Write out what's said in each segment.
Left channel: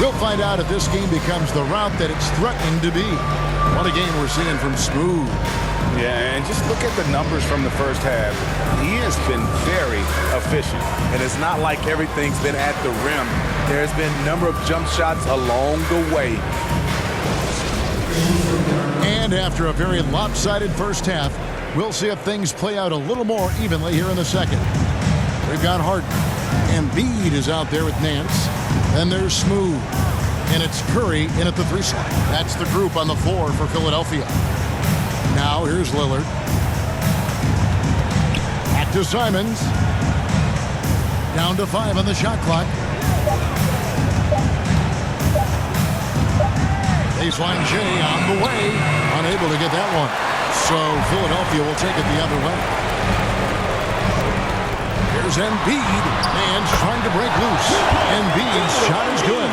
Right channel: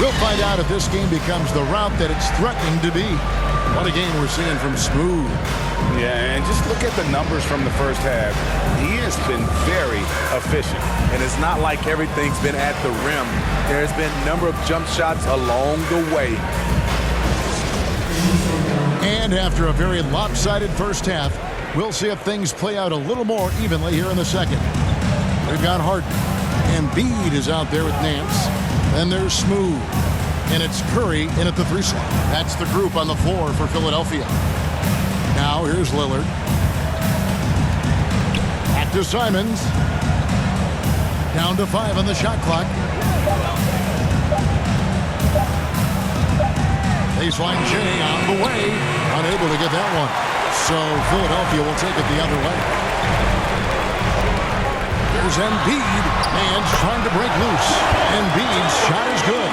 We'll find out if this game becomes the route that it's threatening to be. What a game we're seeing from Smooth. Yeah, and just look at the numbers from the first half. He has been very efficient. And it's not like everything's been at the rim. There's been a number of jump shots along the way. And after a very lopsided first half, we'll see if things play out a little more evenly here in the second. We've got Harden. Embiid is out there with Nance. Then there's Smooth. And it's Curry in at the 3 slot. That's the group on the floor for Philadelphia. Now here's Lillard. Back to Simons. Down to 5 on the shot clock. Baseline Jay on the way. Unable to get that one. So Philadelphia will take it the other way. Here's Embiid. Man's trying to break loose. Embiid's shot is good.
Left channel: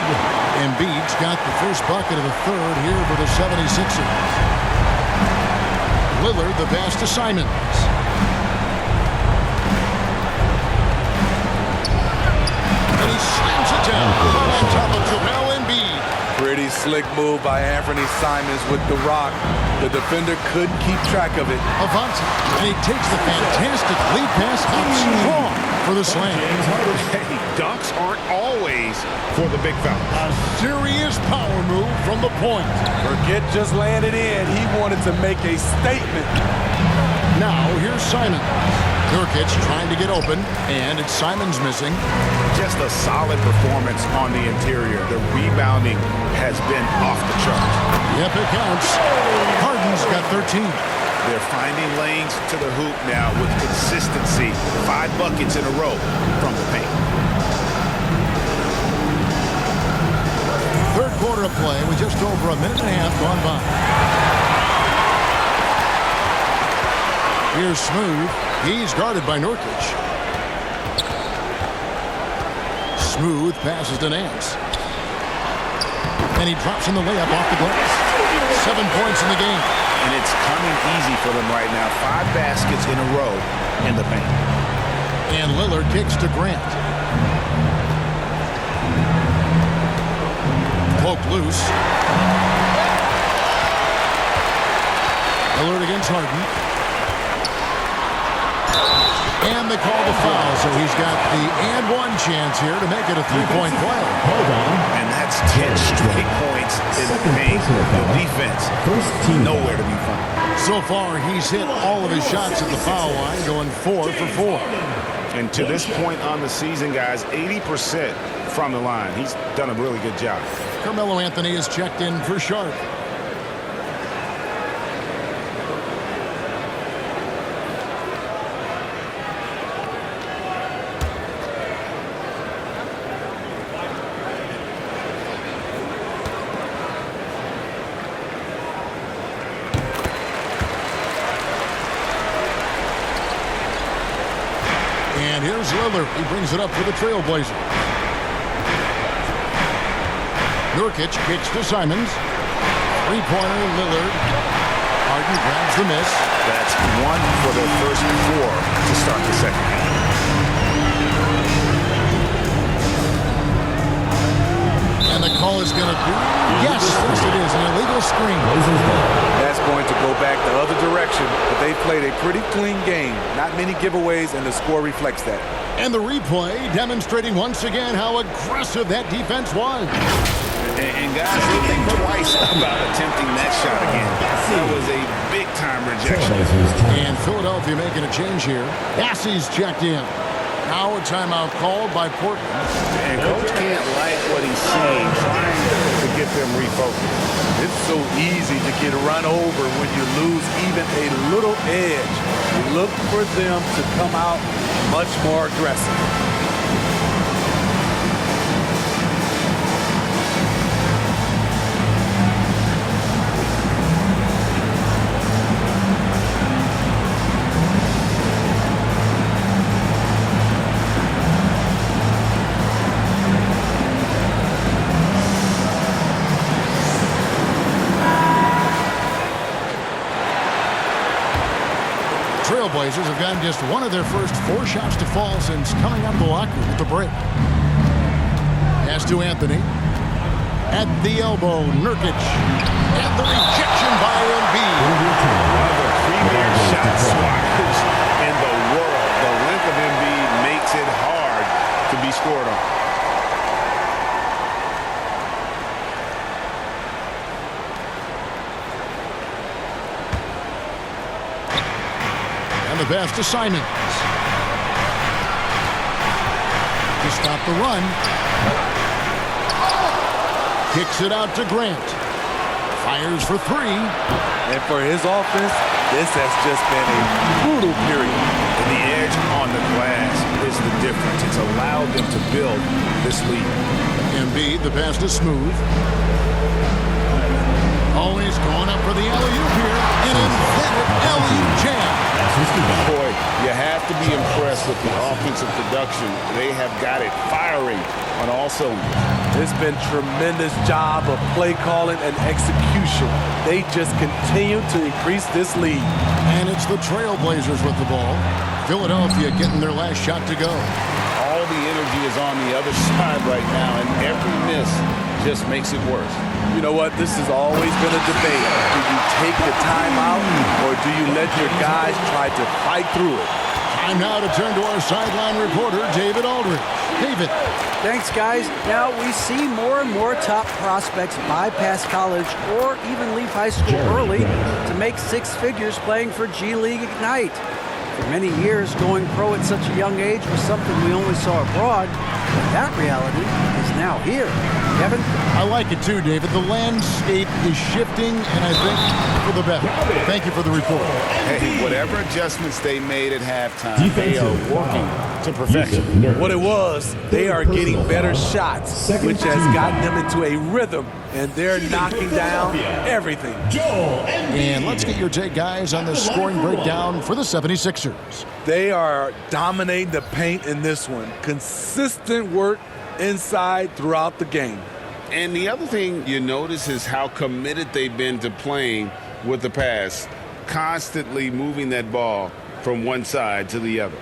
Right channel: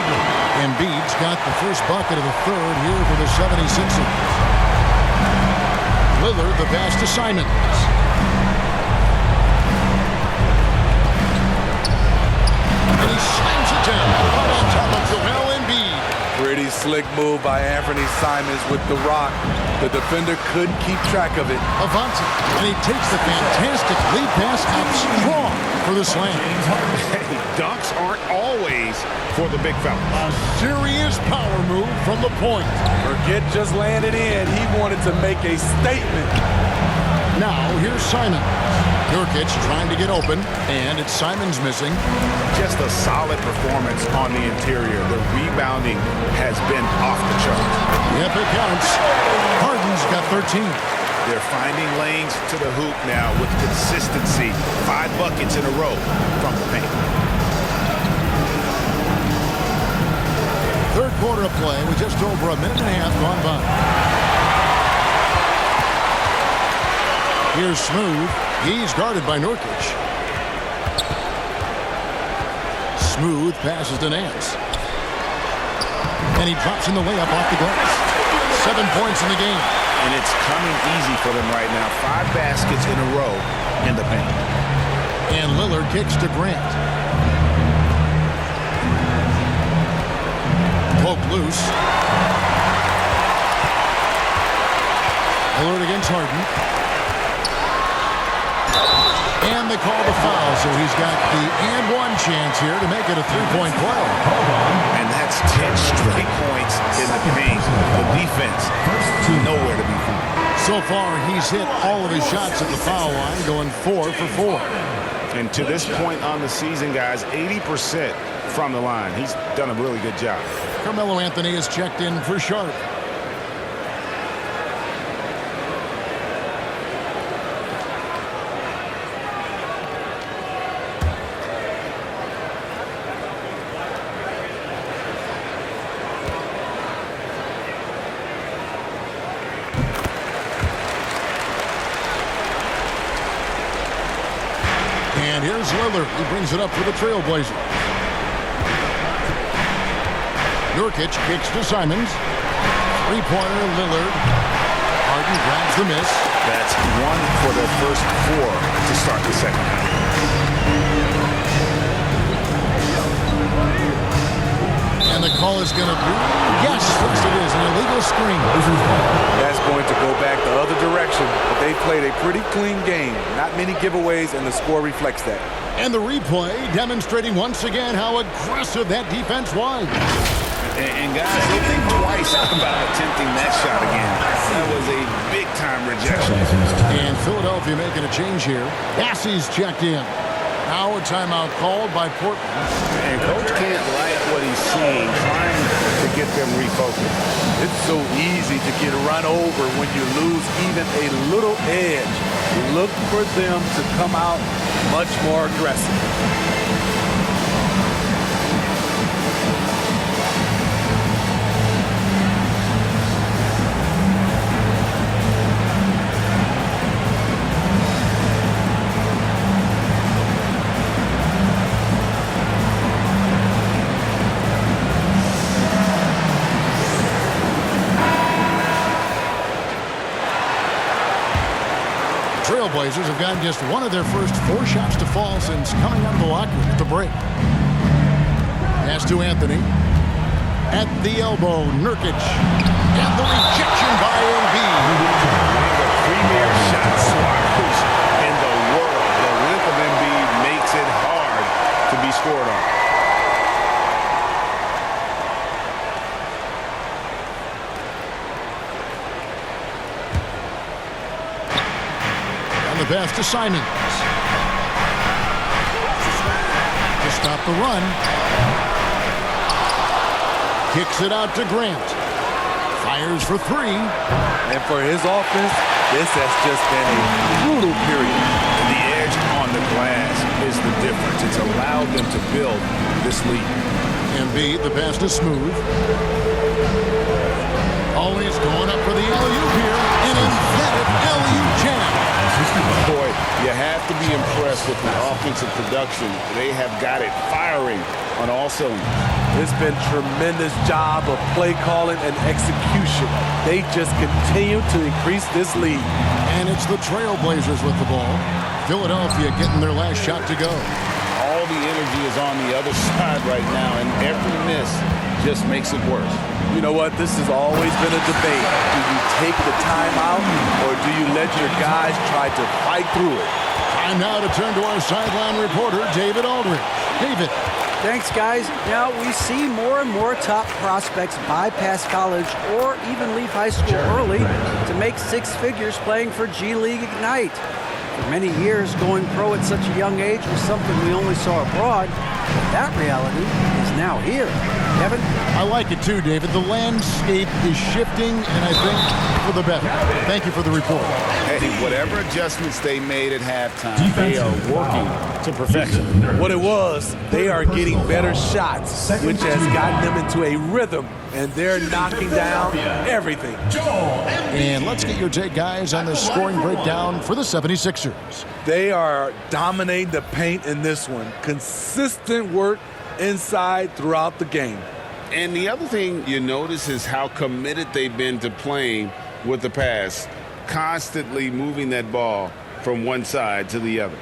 Embiid's got the first bucket of the third here for the 76ers. Lillard the pass to Simons. And he slams it down right on top of Joel Embiid. Pretty slick move by Anthony Simons with the rock. The defender couldn't keep track of it. Avanti, and he takes the fantastic lead pass up strong for the slam. Hey, dunks aren't always for the big fella. A serious power move from the point. Forget just laying it in. He wanted to make a statement. Now here's Simons. Nurkic trying to get open, and it's Simons missing. Just a solid performance on the interior. The rebounding has been off the charts. Yep, it counts. Harden's got 13. They're finding lanes to the hoop now with consistency. 5 buckets in a row from the paint. Third quarter of play with just over a minute and a half gone by. Here's Smooth. He's guarded by Nurkic. Smooth passes to Nance. And he drops in the layup off the glass. 7 points in the game. And it's coming easy for them right now. 5 baskets in a row in the paint. And Lillard kicks to Grant. Poked loose. Lillard against Harden. And they call the foul, so he's got the and one chance here to make it a 3-point play. Hold on. And that's 10 straight points in the paint. The defense, nowhere to be found. So far, he's hit all of his shots at the foul line, going 4 for 4. And to this point on the season, guys, 80% from the line. He's done a really good job. Carmelo Anthony is checked in for Sharp. And here's Lillard. He brings it up for the Trailblazers. Nurkic kicks to Simons. 3-pointer, Lillard. Harden grabs the miss. That's 1 for their first 4 to start the second half. And the call is going to be, yes, it is, an illegal screen. That's going to go back the other direction, but they played a pretty clean game. Not many giveaways, and the score reflects that. And the replay demonstrating once again how aggressive that defense was. And guys, they think twice about attempting that shot again. That was a big-time rejection. And Philadelphia making a change here. Bassey's checked in. Now a timeout called by Portland. And Coach can't like what he's seeing, trying to get them refocused. It's so easy to get run over when you lose even a little edge. Look for them to come out much more aggressive. Trailblazers have gotten just one of their first 4 shots to fall since coming out of the locker room at the break. Pass to Anthony. At the elbow, Nurkic. And the rejection by Embiid. One of the premier shot swatters in the world. The length of Embiid makes it hard to be scored on. And the pass to Simons. To stop the run. Kicks it out to Grant. Fires for three. And for his offense, this has just been a brutal period. And the edge on the glass is the difference. It's allowed them to build this lead. Embiid, the pass to Smooth. Always going up for the alley-oop here. An emphatic alley-oop jam. Boy, you have to be impressed with the offensive production. They have got it firing on all cylinders. It's been tremendous job of play calling and execution. They just continue to increase this lead. And it's the Trailblazers with the ball. Philadelphia getting their last shot to go. All the energy is on the other side right now, and every miss just makes it worse. You know what? This has always been a debate. Do you take the timeout or do you let your guys try to fight through it? Time now to turn to our sideline reporter, David Aldridge. David. Thanks, guys. Now we see more and more top prospects bypass college or even leave high school early to make six figures playing for G League Ignite. For many years, going pro at such a young age was something we only saw abroad, but that reality is now here. Kevin? I like it too, David. The landscape is shifting, and I think for the better. Thank you for the report. Hey, whatever adjustments they made at halftime, they are working to perfection. What it was, they are getting better shots, which has gotten them into a rhythm, and they're knocking down everything. And let's get your take, guys, on the scoring breakdown for the 76ers. They are dominating the paint in this one. Consistent work inside throughout the game. And the other thing you notice is how committed they've been to playing with the pass, constantly moving that ball from one side to the other.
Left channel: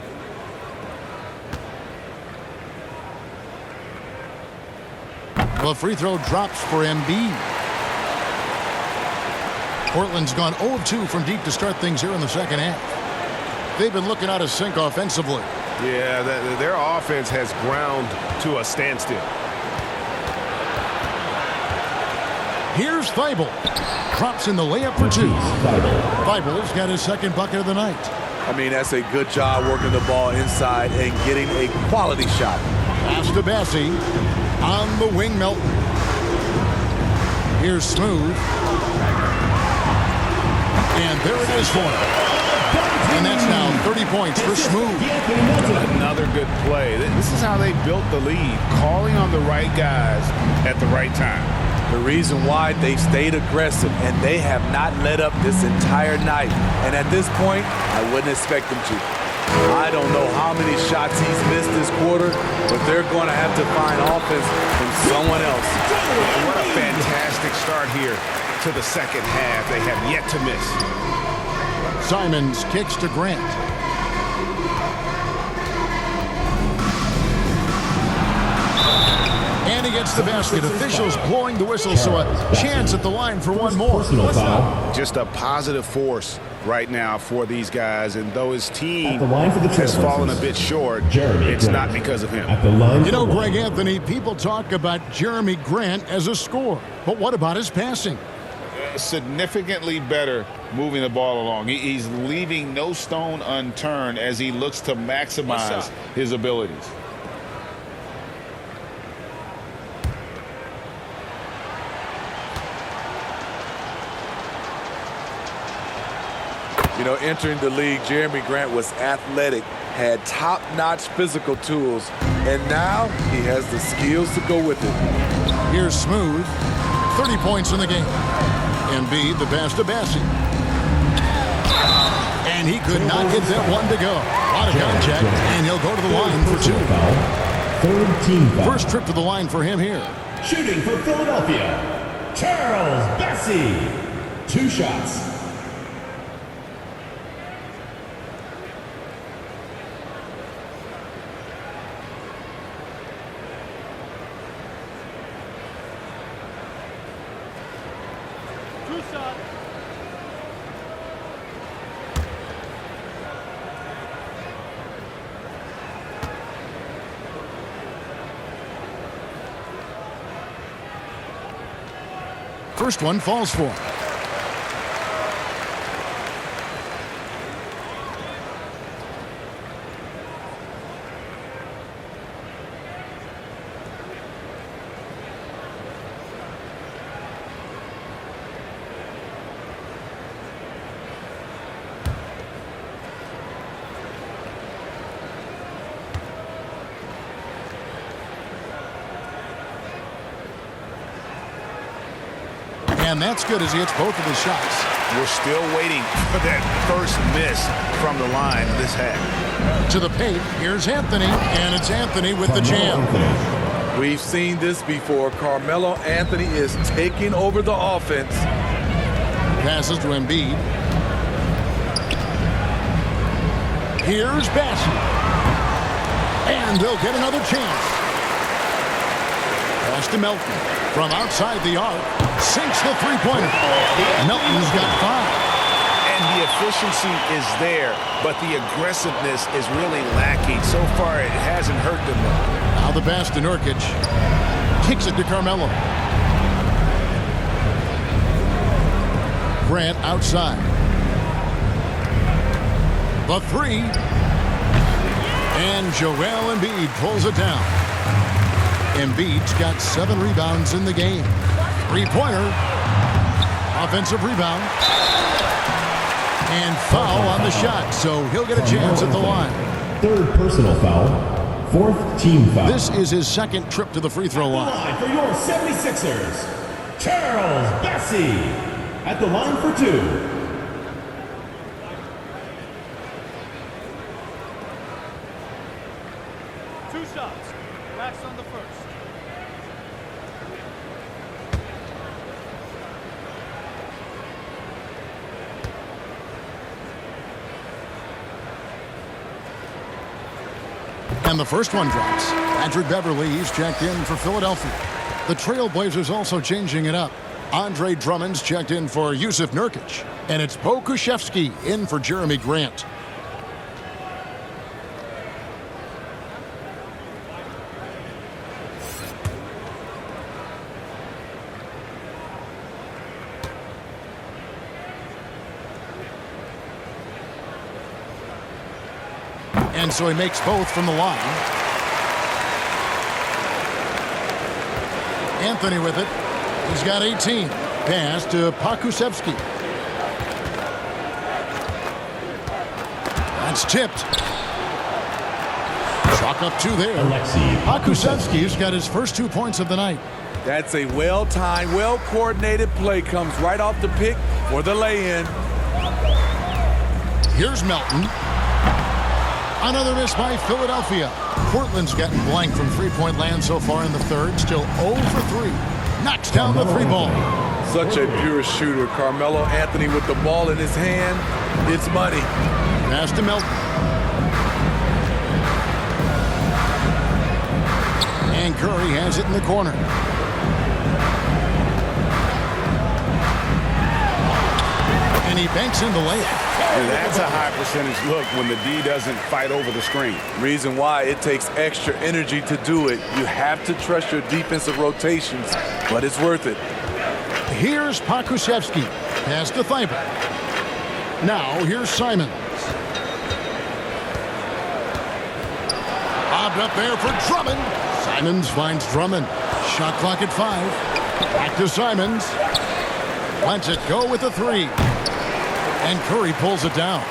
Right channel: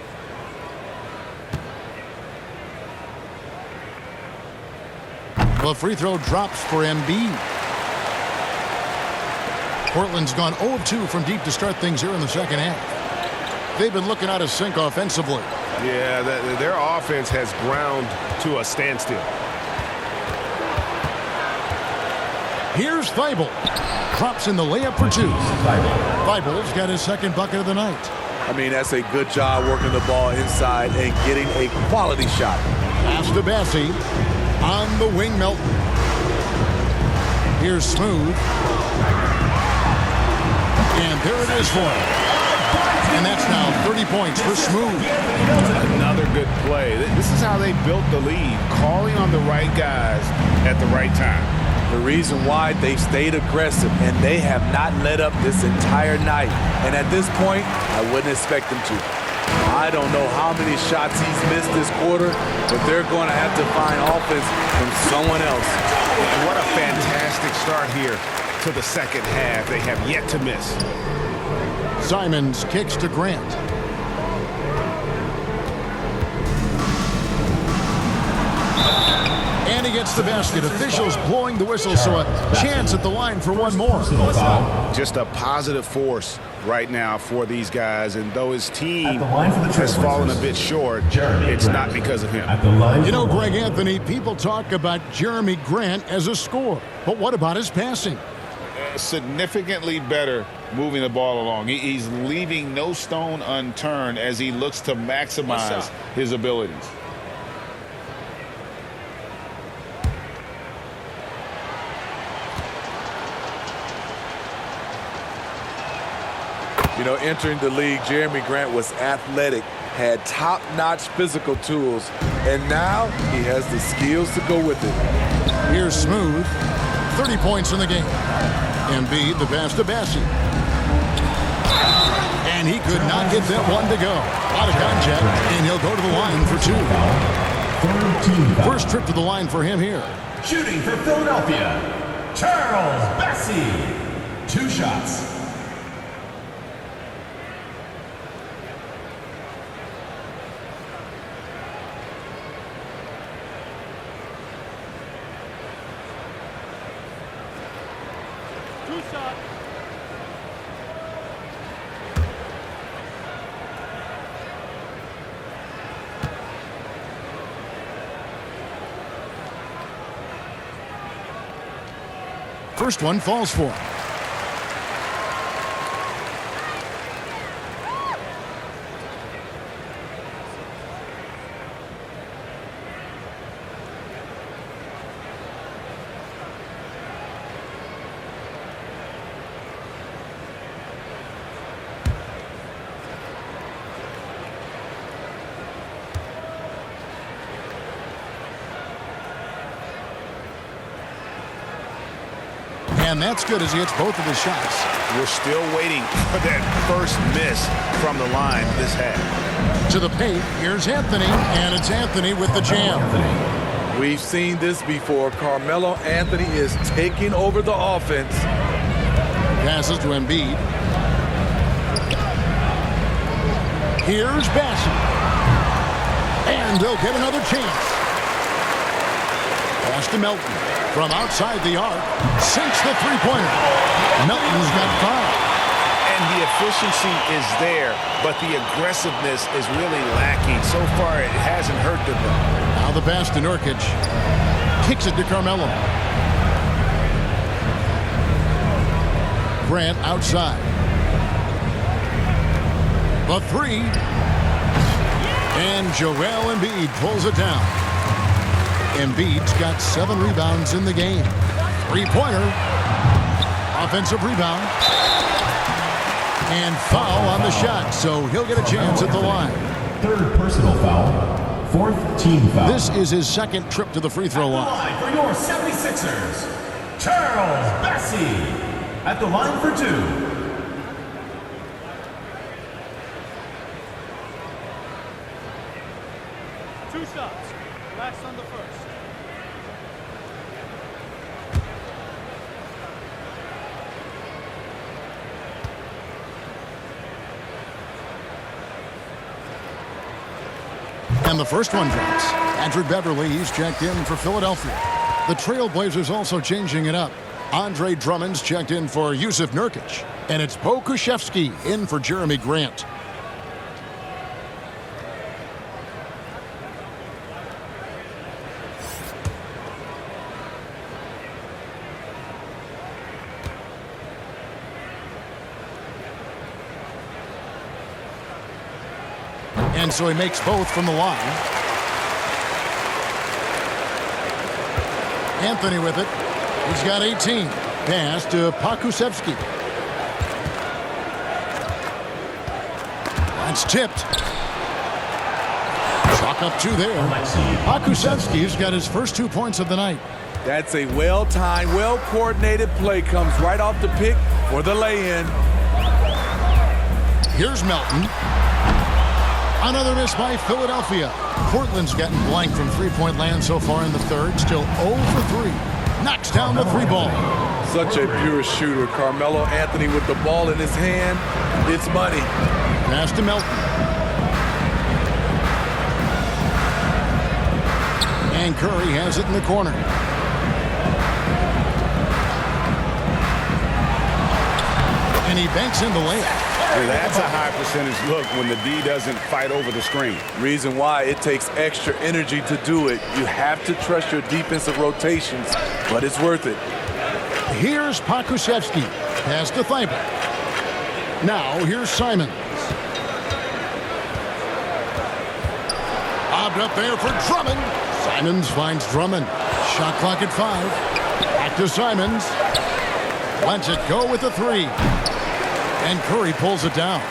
The free throw drops for Embiid. Portland's gone 0 of 2 from deep to start things here in the second half. They've been looking out of sync offensively. Yeah, their offense has ground to a standstill. Here's Thibault. Drops in the layup for two. Thibault's got his second bucket of the night. I mean, that's a good job working the ball inside and getting a quality shot. Pass to Bassie. On the wing, Melton. Here's Smooth. And there it is for him. And that's now 30 points for Smooth. Another good play. This is how they built the lead, calling on the right guys at the right time. The reason why they've stayed aggressive, and they have not let up this entire night. And at this point, I wouldn't expect them to. I don't know how many shots he's missed this quarter, but they're going to have to find offense from someone else. And what a fantastic start here to the second half. They have yet to miss. Simons kicks to Grant. And he gets the basket. Officials blowing the whistle, so a chance at the line for one more. Just a positive force right now for these guys, and though his team has fallen a bit short, it's not because of him. You know, Greg Anthony, people talk about Jeremy Grant as a scorer, but what about his passing? Significantly better moving the ball along. He's leaving no stone unturned as he looks to maximize his abilities. You know, entering the league, Jeremy Grant was athletic, had top-notch physical tools, and now he has the skills to go with it. Here's Smooth. 30 points in the game. Embiid, the pass to Bassie. And he could not get that one to go. A lot of contact, and he'll go to the line for two. Third team foul. First trip to the line for him here. Shooting for Philadelphia, Charles Bassie. 2 shots. Two shots. First one falls for him. And that's good as he hits both of his shots. We're still waiting for that first miss from the line this half. To the paint, here's Anthony, and it's Anthony with the jam. We've seen this before. Carmelo Anthony is taking over the offense. Passes to Embiid. Here's Bassey. And they'll get another chance. Pass to Melton. From outside the arc, sinks the three-pointer. Melton's got 5. And the efficiency is there, but the aggressiveness is really lacking. So far, it hasn't hurt them, though. Now the pass to Nurkic. Kicks it to Carmelo. Grant outside. The 3. And Joel Embiid pulls it down. Embiid's got 7 rebounds in the game. Three-pointer. Offensive rebound. And foul on the shot, so he'll get a chance at the line. Third personal foul. Fourth team foul. This is his second trip to the free throw line. For your 76ers, Charles Bassey. At the line for 2. Two shots. Relax on the first. And the first one drops. Patrick Beverley, he's checked in for Philadelphia. The Trailblazers also changing it up. Andre Drummond's checked in for Yusuf Nurkic. And it's Pokusevski in for Jeremy Grant. And so he makes both from the line. Anthony with it. He's got 18. Pass to Pokusevski. That's tipped. Chalk up 2 there. Pokusevski's got his first 2 points of the night. That's a well-timed, well-coordinated play. Comes right off the pick for the lay-in. Here's Melton. Another miss by Philadelphia. Portland's gotten blank from three-point land so far in the third. Still 0 for 3. Knocks down the 3 ball. Such a pure shooter. Carmelo Anthony with the ball in his hand. It's money. Pass to Melton. And Curry has it in the corner. And he banks in the layup. And that's a high percentage look when the D doesn't fight over the screen. Reason why it takes extra energy to do it. You have to trust your defensive rotations, but it's worth it. Here's Pokusevski. Pass to Thibault. Now here's Simons. Bobbed up there for Drummond. Simons finds Drummond. Shot clock at 5. Back to Simons. Lets it go with the 3. And Curry pulls it down.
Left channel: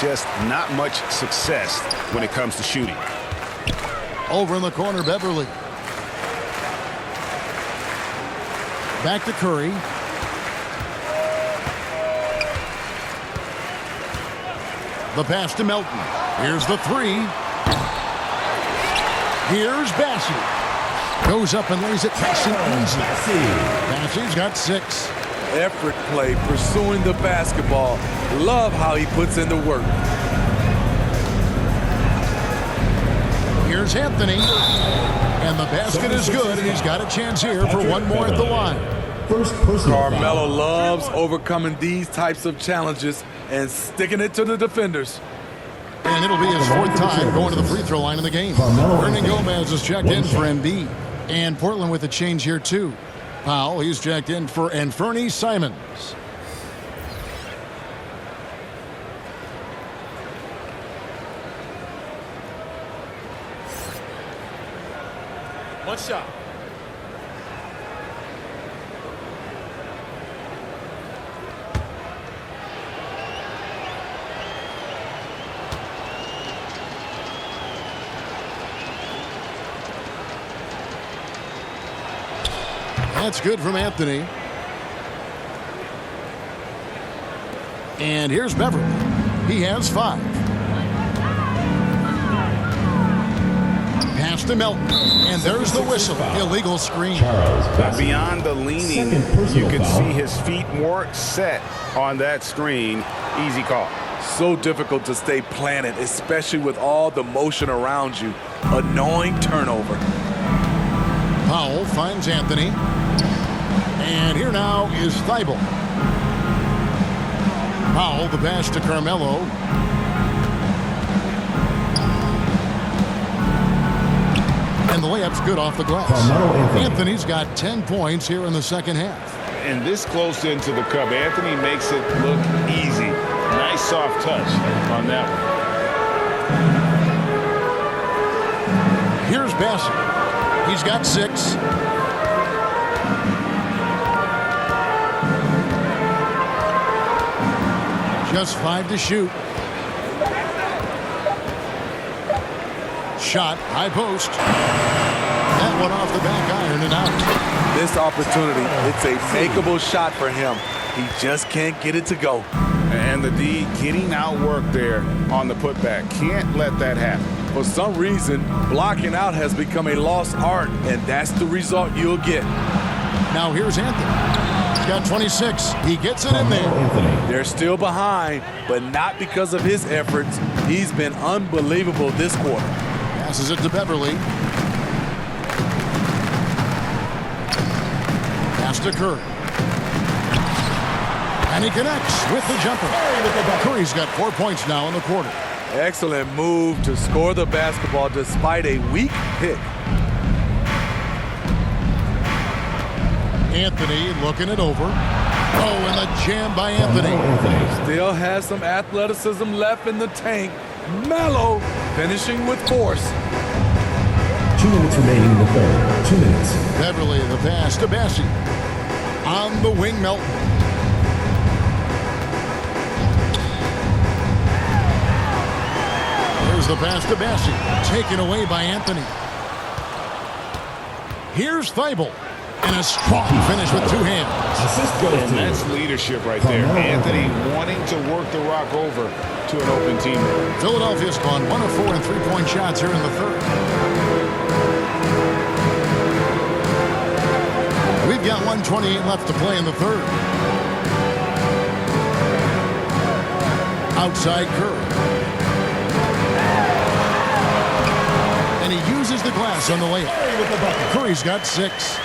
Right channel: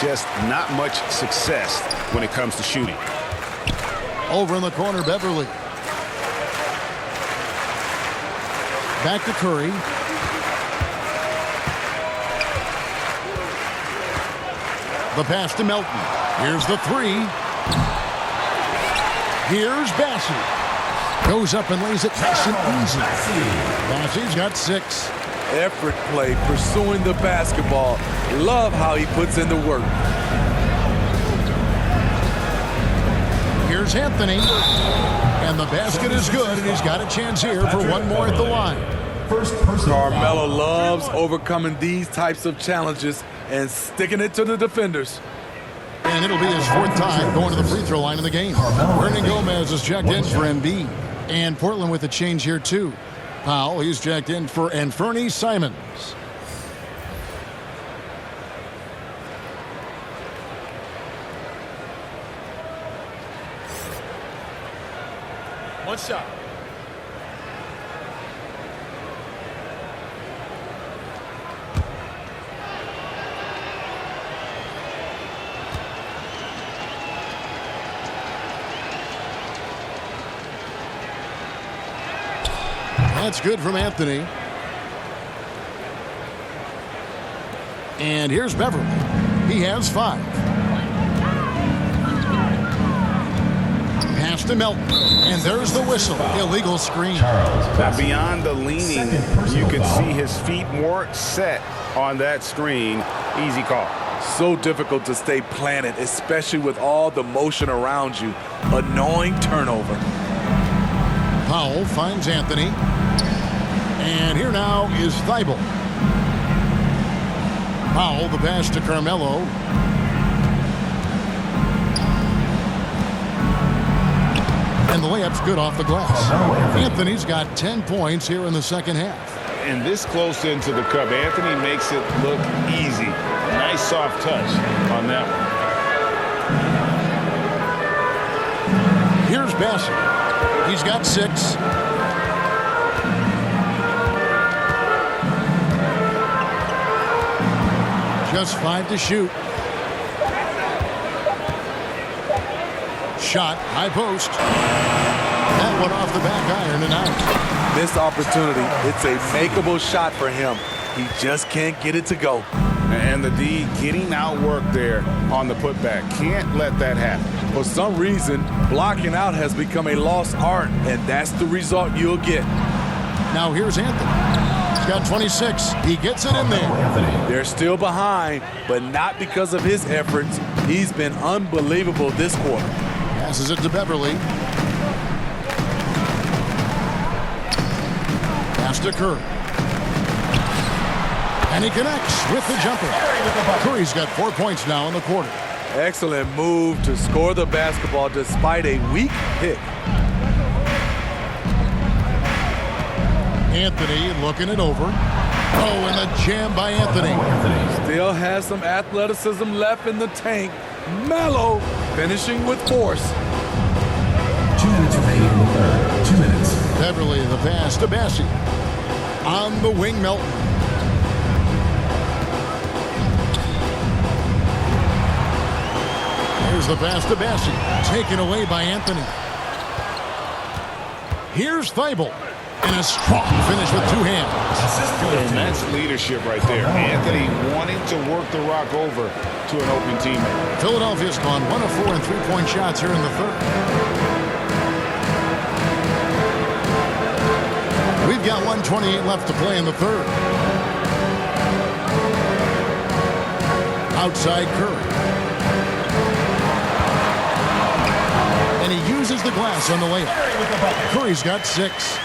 Just not much success when it comes to shooting. Over in the corner, Beverley. Back to Curry. The pass to Melton. Here's the 3. Here's Bassey. Goes up and lays it nice and easy. Bassey's got 6. Effort play, pursuing the basketball. Love how he puts in the work. Here's Anthony. And the basket is good, and he's got a chance here for one more at the line. First personal Carmelo foul. loves overcoming these types of challenges and sticking it to the defenders. And it'll be his fourth time going to the free throw line in the game. Hernan Gomez is checked in for Embiid. And Portland with a change here, too. Powell, he's checked in for Anthony Simons. One shot. That's good from Anthony. And here's Beverly. He has 5. Pass to Melton. And there's the whistle. Illegal screen. Now, beyond the leaning, you can foul. see his feet more set on that screen. Easy call. So difficult to stay planted, especially with all the motion around you. Annoying turnover. Powell finds Anthony. And here now is Thibault. Powell, the pass to Carmelo. And the layup's good off the glass. Anthony's got 10 points here in the second half. And this close into the cup, Anthony makes it look easy. Nice soft touch on that one. Here's Bassett. He's got 6. Just 5 to shoot. Shot, high post. That one off the back iron and out. Missed opportunity. It's a makeable shot for him. He just can't get it to go. And the D getting outworked there on the putback. Can't let that happen. For some reason, blocking out has become a lost art, and that's the result you'll get. Now here's Anthony. He's got 26. He gets it in there. They're still behind, but not because of his efforts. He's been unbelievable this quarter. Passes it to Beverly. Pass to Curry. And he connects with the jumper. Curry's got 4 points now in the quarter. Excellent move to score the basketball despite a weak pick. Anthony looking it over. Oh, and the jam by Anthony. Still has some athleticism left in the tank. Melo finishing with force. 2 minutes remaining in the third. 2 minutes. Beverly, the pass to Bassie. On the wing, Melton. There's the pass to Bassie. Taken away by Anthony. Here's Thibault. And a strong finish with 2 hands. Assist goes And to that's leadership right there. Anthony wanting to work the rock over to an open teammate. Philadelphia's gone 1 of 4 in 3-point shots here in the third. We've got 1:28 left to play in the third. Outside Curry. And he uses the glass on the layup. Curry's got 6.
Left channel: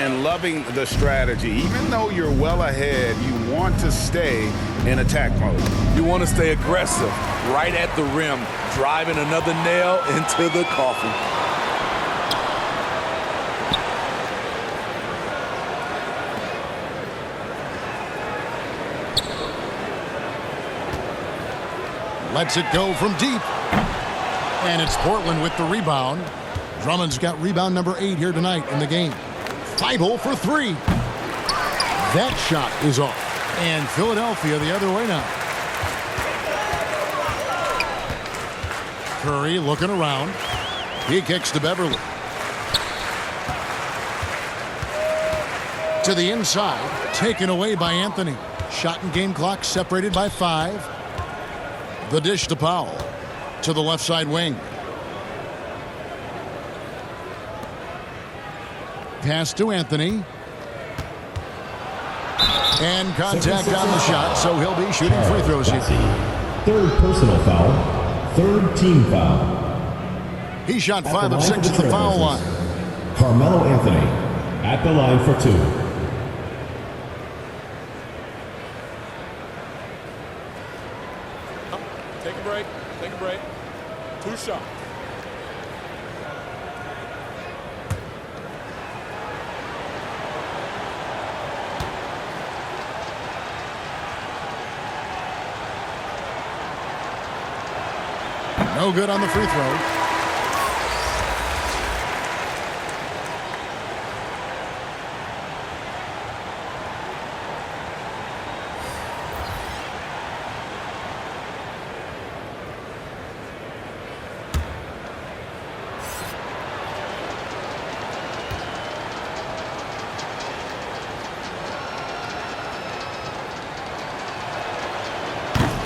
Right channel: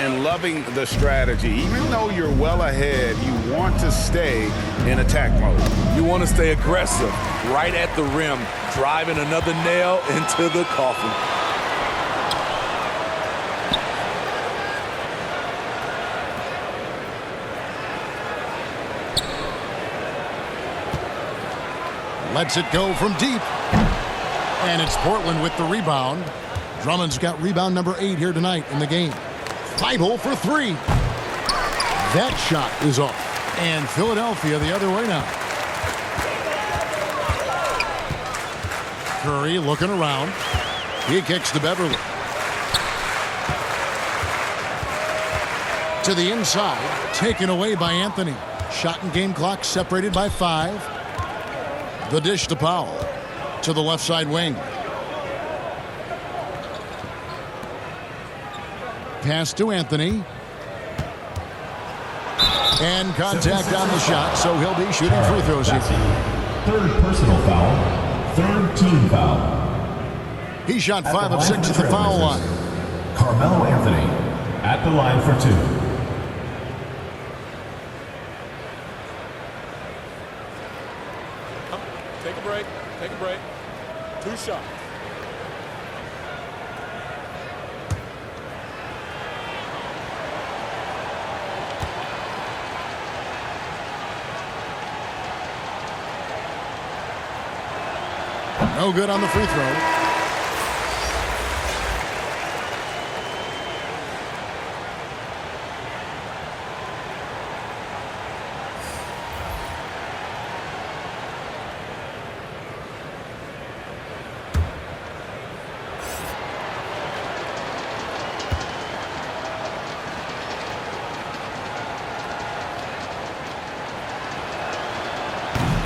And loving the strategy. Even though you're well ahead, you want to stay in attack mode. You want to stay aggressive, right at the rim, driving another nail into the coffin. Lets it go from deep. And it's Portland with the rebound. Drummond's got rebound number 8 here tonight in the game. Thibault for 3. That shot is off. And Philadelphia the other way now. Curry looking around. He kicks to Beverly. To the inside. Taken away by Anthony. Shot and game clock separated by 5. The dish to Powell. To the left side wing. Pass to Anthony. And contact on the shot, so he'll be shooting free throws here. Third personal foul. Third team foul. He shot 5 of 6 at the foul line. Carmelo Anthony at the line for 2. break. Take a break. 2 shots. No good on the free throw.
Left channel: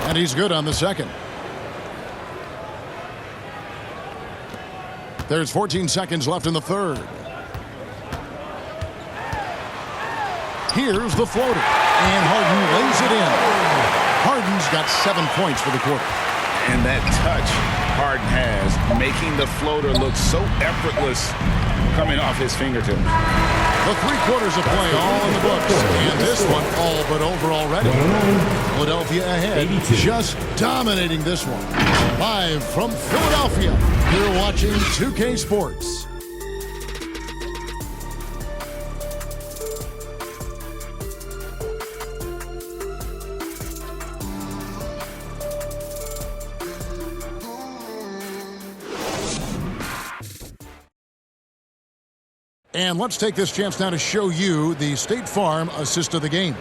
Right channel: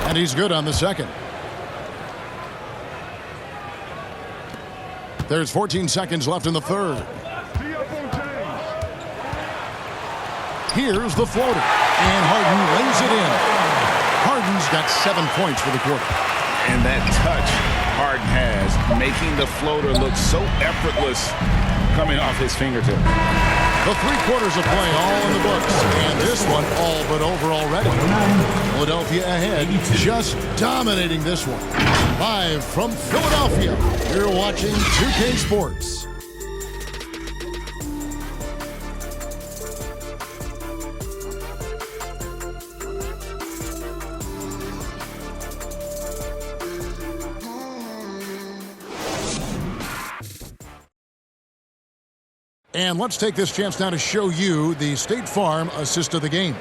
And he's good on the second. There's 14 seconds left in the third. Here's the floater. And Harden lays it in. Harden's got 7 points for the quarter. And that touch Harden has, making the floater look so effortless coming off his fingertips. The 3 quarters of play all in the books. And this one all but over already. Philadelphia ahead, just dominating this one. Live from Philadelphia, you're watching 2K Sports. And let's take this chance now to show you the State Farm assist of the game.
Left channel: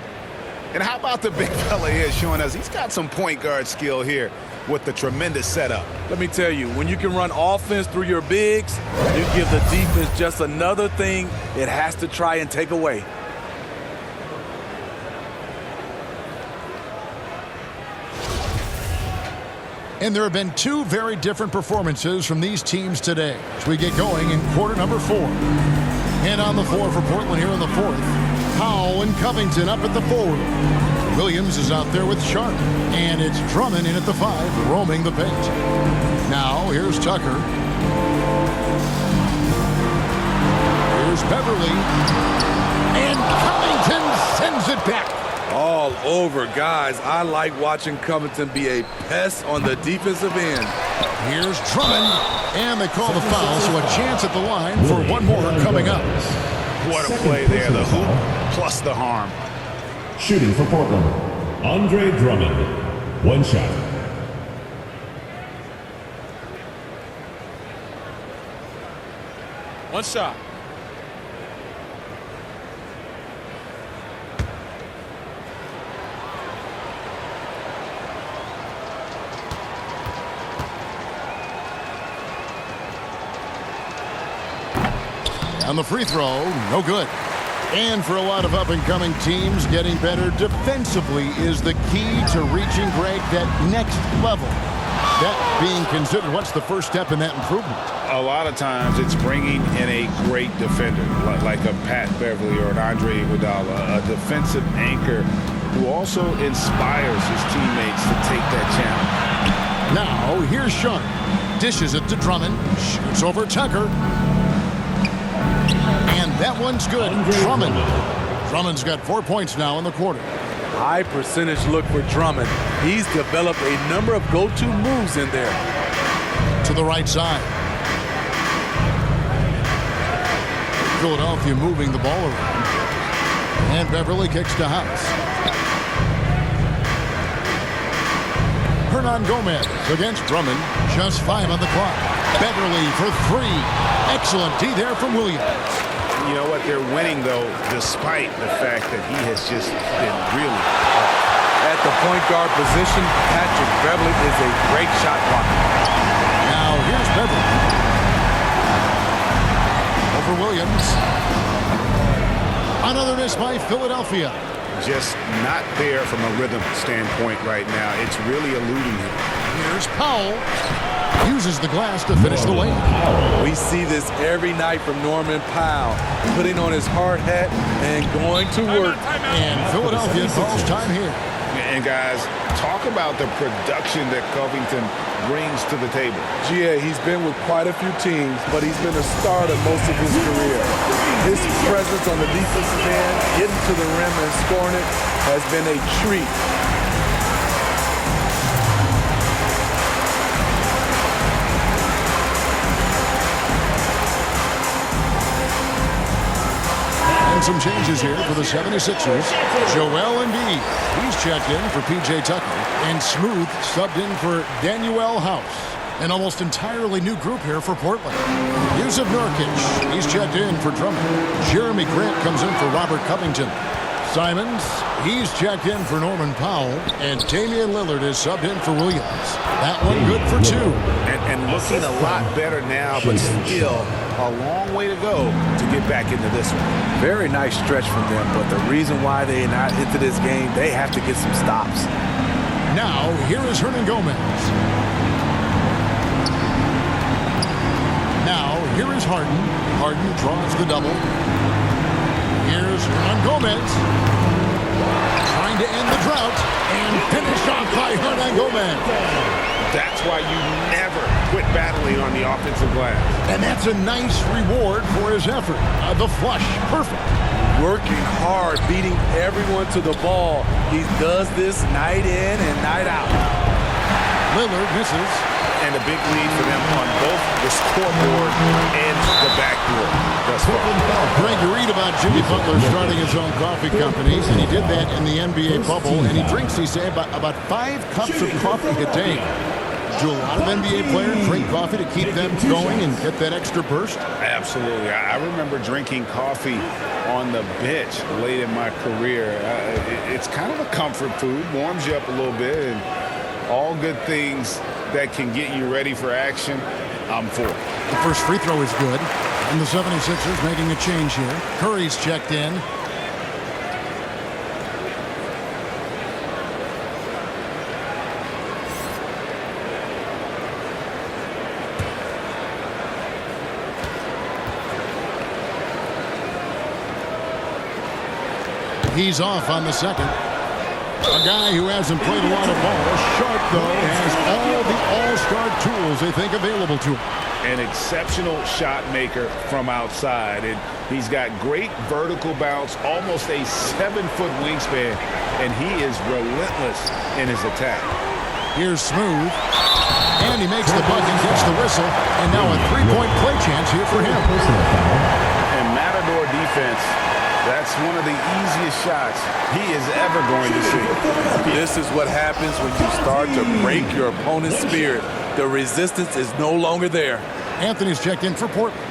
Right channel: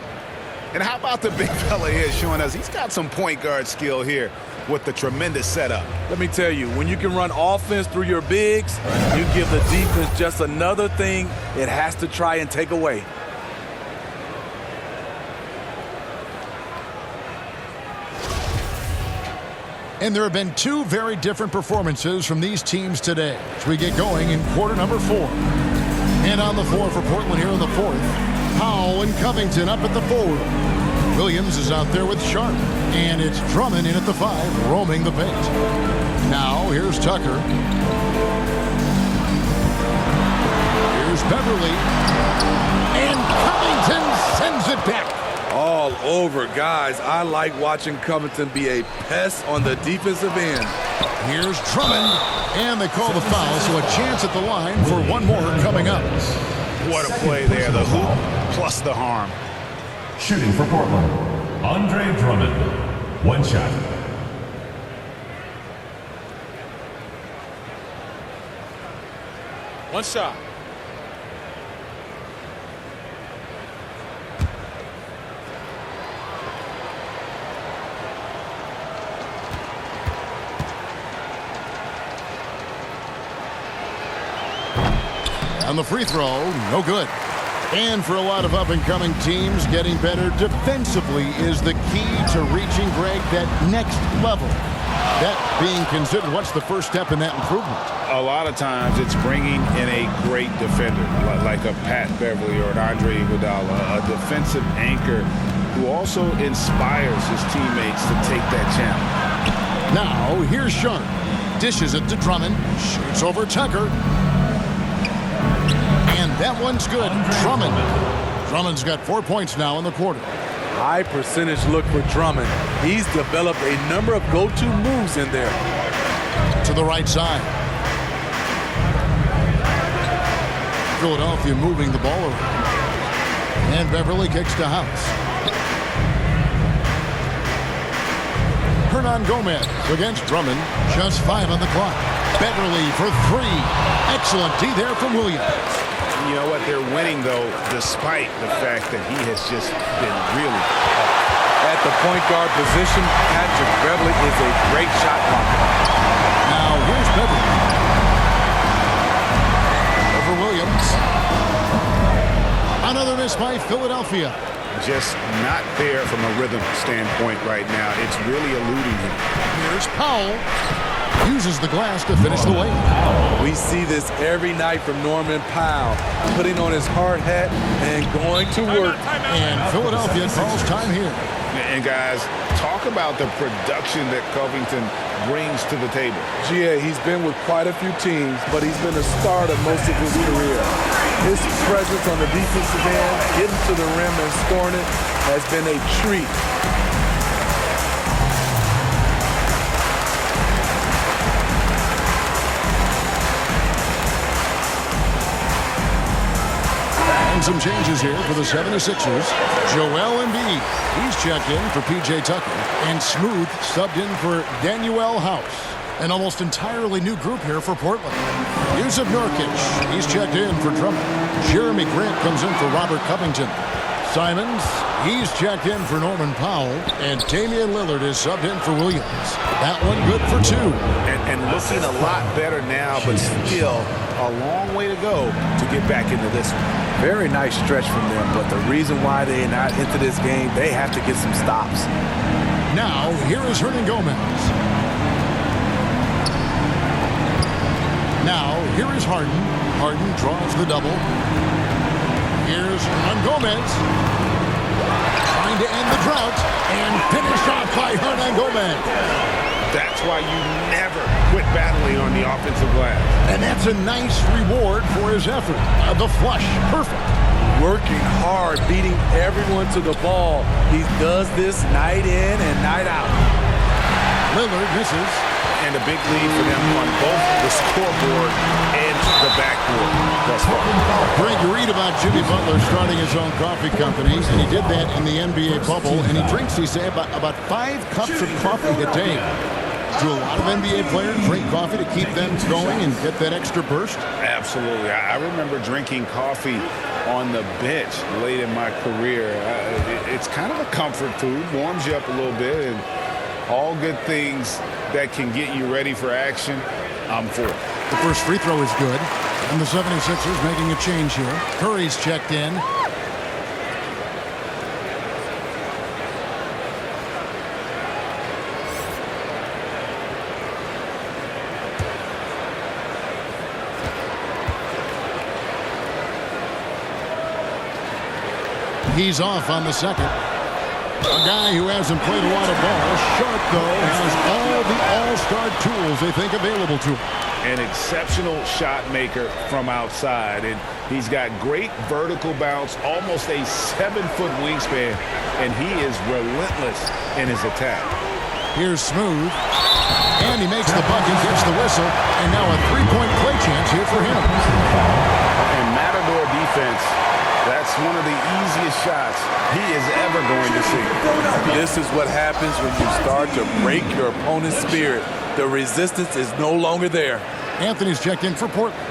And how about the big fella here showing us he's got some point guard skill here with the tremendous setup. Let me tell you, when you can run offense through your bigs, you give the defense just another thing it has to try and take away. And there have been 2 very different performances from these teams today as we get going in quarter number 4. And on the floor for Portland here in the 4th, Powell and Covington up at the forward. Williams is out there with Sharp. And it's Drummond in at the 5, roaming the paint. Now, here's Tucker. Here's Beverly. And Covington sends it back. All over, guys. I like watching Covington be a pest on the defensive end. Here's Drummond. And they call the foul, so a chance at the line for one more coming up. What a play there. The hoop plus the harm. Shooting for Portland, Andre Drummond. 1 shot. One shot. On the free throw, no good. And for a lot of up-and-coming teams, getting better defensively is the key to reaching, Greg, that next level. That being considered, what's the first step in that improvement? A lot of times it's bringing in a great defender, like a Pat Beverly or an Andre Iguodala, a defensive anchor who also inspires his teammates to take that challenge. Now, here's Sharp. Dishes it to Drummond. Shoots over Tucker. And that one's good. Drummond. Drummond's got 4 points now in the quarter. High percentage look for Drummond. He's developed a number of go-to moves in there. To the right side. Philadelphia moving the ball around. And Beverly kicks to House. Hernan Gomez against Drummond. Just 5 on the clock. Beverly for 3. Excellent D there from Williams. You know what? They're winning, though, despite the fact that he has just been really off. At the point guard position, Patrick Beverly is a great shot blocker. Now here's Beverly. Over Williams. Another miss by Philadelphia. Just not there from a rhythm standpoint right now. It's really eluding him. Here's Powell. Uses the glass to finish the way. We see this every night from Norman Powell, putting on his hard hat and going to work. And Philadelphia calls time here. And guys, talk about the production that Covington brings to the table. GA, he's been with quite a few teams, but he's been a starter most of his career. His presence on the defensive end, getting to the rim and scoring it, has been a treat. And some changes here for the 76ers. Joel Embiid, he's checked in for P.J. Tucker. And Smooth subbed in for Danuel House. An almost entirely new group here for Portland. Yusuf Nurkic, he's checked in for Drummond. Jeremy Grant comes in for Robert Covington. Simons, he's checked in for Norman Powell. And Damian Lillard is subbed in for Williams. That one good for 2. And looking a lot better now, but still a long way to go to get back into this one. Very nice stretch from them, but the reason why they're not into this game, they have to get some stops. Now, here is Hernan Gomez. Now, here is Harden. Harden draws the double. Here's Hernan Gomez. Trying to end the drought. And finished off by Hernan Gomez. That's why you never quit battling on the offensive glass. And that's a nice reward for his effort. The flush, perfect. Working hard, beating everyone to the ball. He does this night in and night out. Lillard misses. And a big lead for them on both the scoreboard and the backboard thus far. Greg, you read about Jimmy Butler starting his own coffee company, and he did that in the NBA bubble, and he drinks, he say, about 5 cups of coffee a day. Do a lot of NBA players drink coffee to keep them going and get that extra burst? Absolutely. I remember drinking coffee on the bench late in my career. It's kind of a comfort food, warms you up a little bit, and all good things that can get you ready for action, I'm for. The first free throw is good. And the 76ers making a change here. Curry's checked in. He's off on the second. A guy who hasn't played a lot of ball. Sharp, though, has all the all-star tools they think available to him. An exceptional shot maker from outside. And he's got great vertical bounce, almost a 7-foot wingspan, and he is relentless in his attack. Here's Smooth. And he makes the bucket, gets the whistle, and now a three-point play chance here for him. And Matador defense, that's one of the easiest shots he is ever going to see. This is what happens when you start to break your opponent's spirit. The resistance is no longer there. Anthony's checked in for Portland.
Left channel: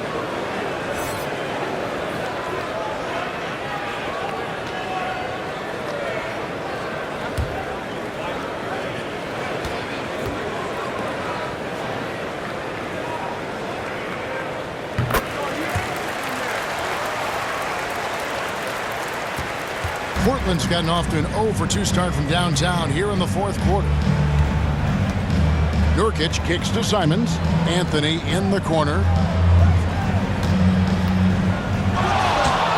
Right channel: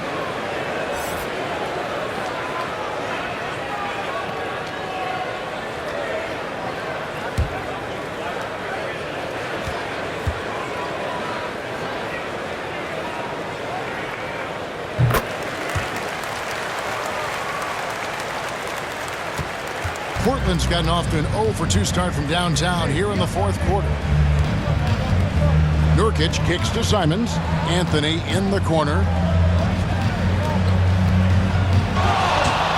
Portland's gotten off to an 0-for-2 start from downtown here in the fourth quarter. Nurkic kicks to Simons. Anthony in the corner.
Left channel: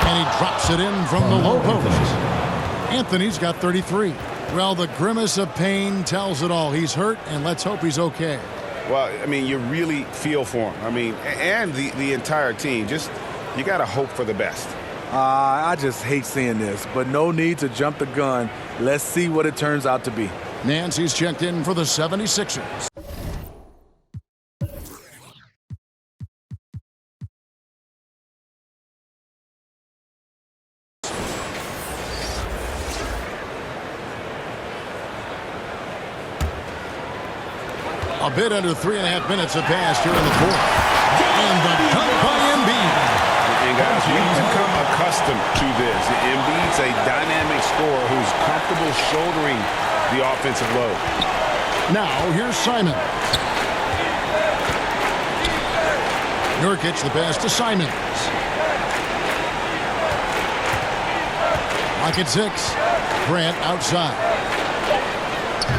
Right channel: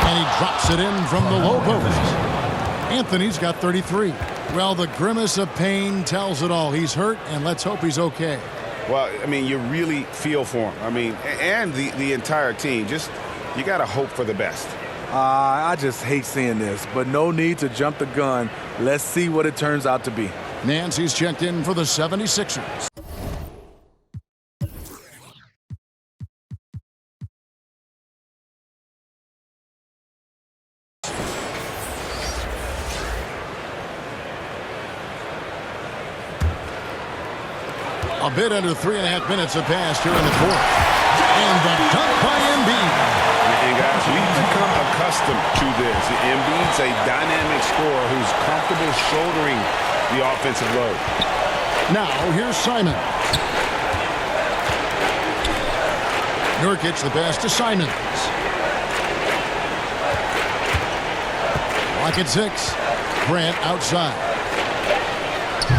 And he drops it in from the low post. Anthony's got 33. Well, the grimace of pain tells it all. He's hurt, and let's hope he's okay. Well, I mean, you really feel for him. I mean, and the entire team. Just, you got to hope for the best. I just hate seeing this, but no need to jump the gun. Let's see what it turns out to be. Nancy's checked in for the 76ers. A bit under 3.5 minutes have passed here in the fourth. And the dunk by Embiid. And guys, we've become accustomed to this. Embiid's a dynamic scorer who's comfortable shouldering the offensive load. Now, here's Simons. Nurkic the pass to Simons. Clock at 6. Grant outside.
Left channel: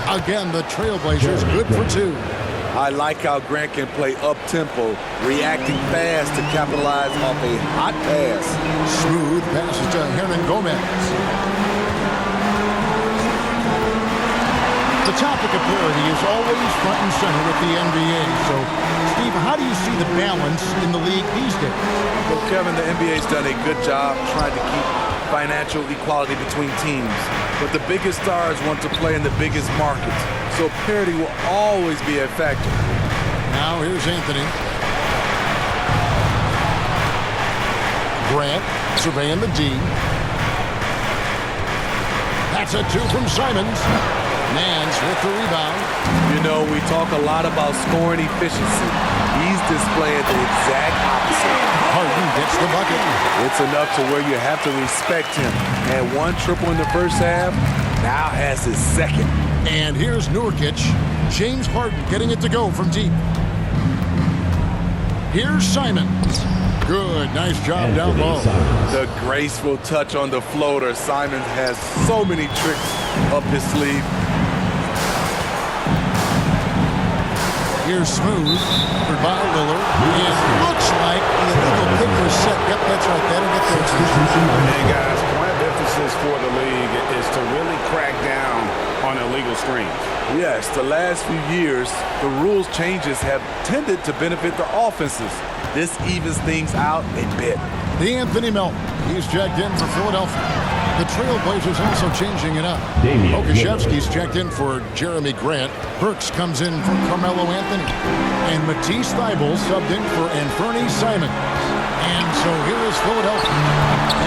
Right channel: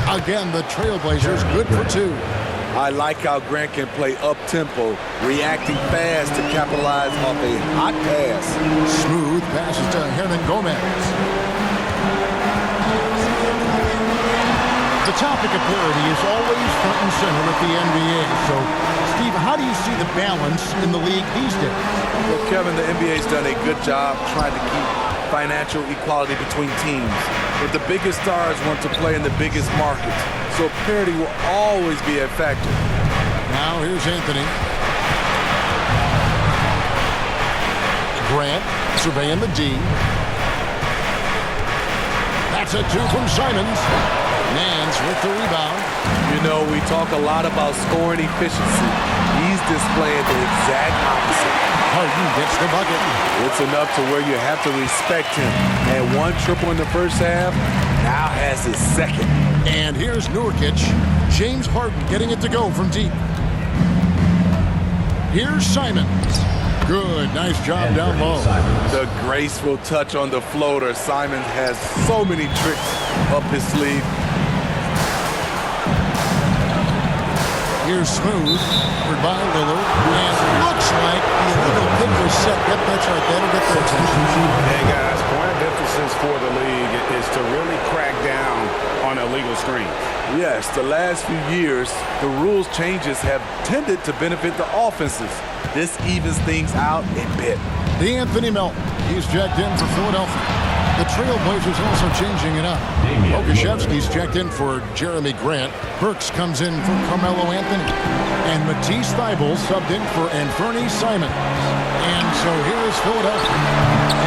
Again, the Trailblazers good for 2. I like how Grant can play up-tempo, reacting fast to capitalize off a hot pass. Smooth passes to Hernan Gomez. The topic of parity is always front and center with the NBA. So, Steve, how do you see the balance in the league these days? Well, Kevin, the NBA's done a good job trying to keep financial equality between teams. But the biggest stars want to play in the biggest markets. So parity will always be a factor. Now here's Anthony. Grant Surveying the D. That's a 2 from Simons. Nance with the rebound. You know, we talk a lot about scoring efficiency. He's displaying the exact opposite. Harden gets the bucket. It's enough to where you have to respect him. Had 1 triple in the first half, now has his second. And here's Nurkic. James Harden getting it to go from deep. Here's Simons. Good, nice job down low. The graceful touch on the floater. Simons has so many tricks up his sleeve. Here's Smooth, covered by Lillard. And looks like the illegal pick was set. Yep, that's right. That'll get their attention. And guys, point of emphasis for the league is to really crack down on illegal screens. Yes, the last few years, the rules changes have tended to benefit the offenses. This evens things out a bit. D'Anthony Melton, he's checked in for Philadelphia. The Trailblazers also changing it up. Okashevsky's checked in for Jeremy Grant. Burks comes in for Carmelo Anthony. And Matisse Thybulle subbed in for Anthony Simons. And so here is Philadelphia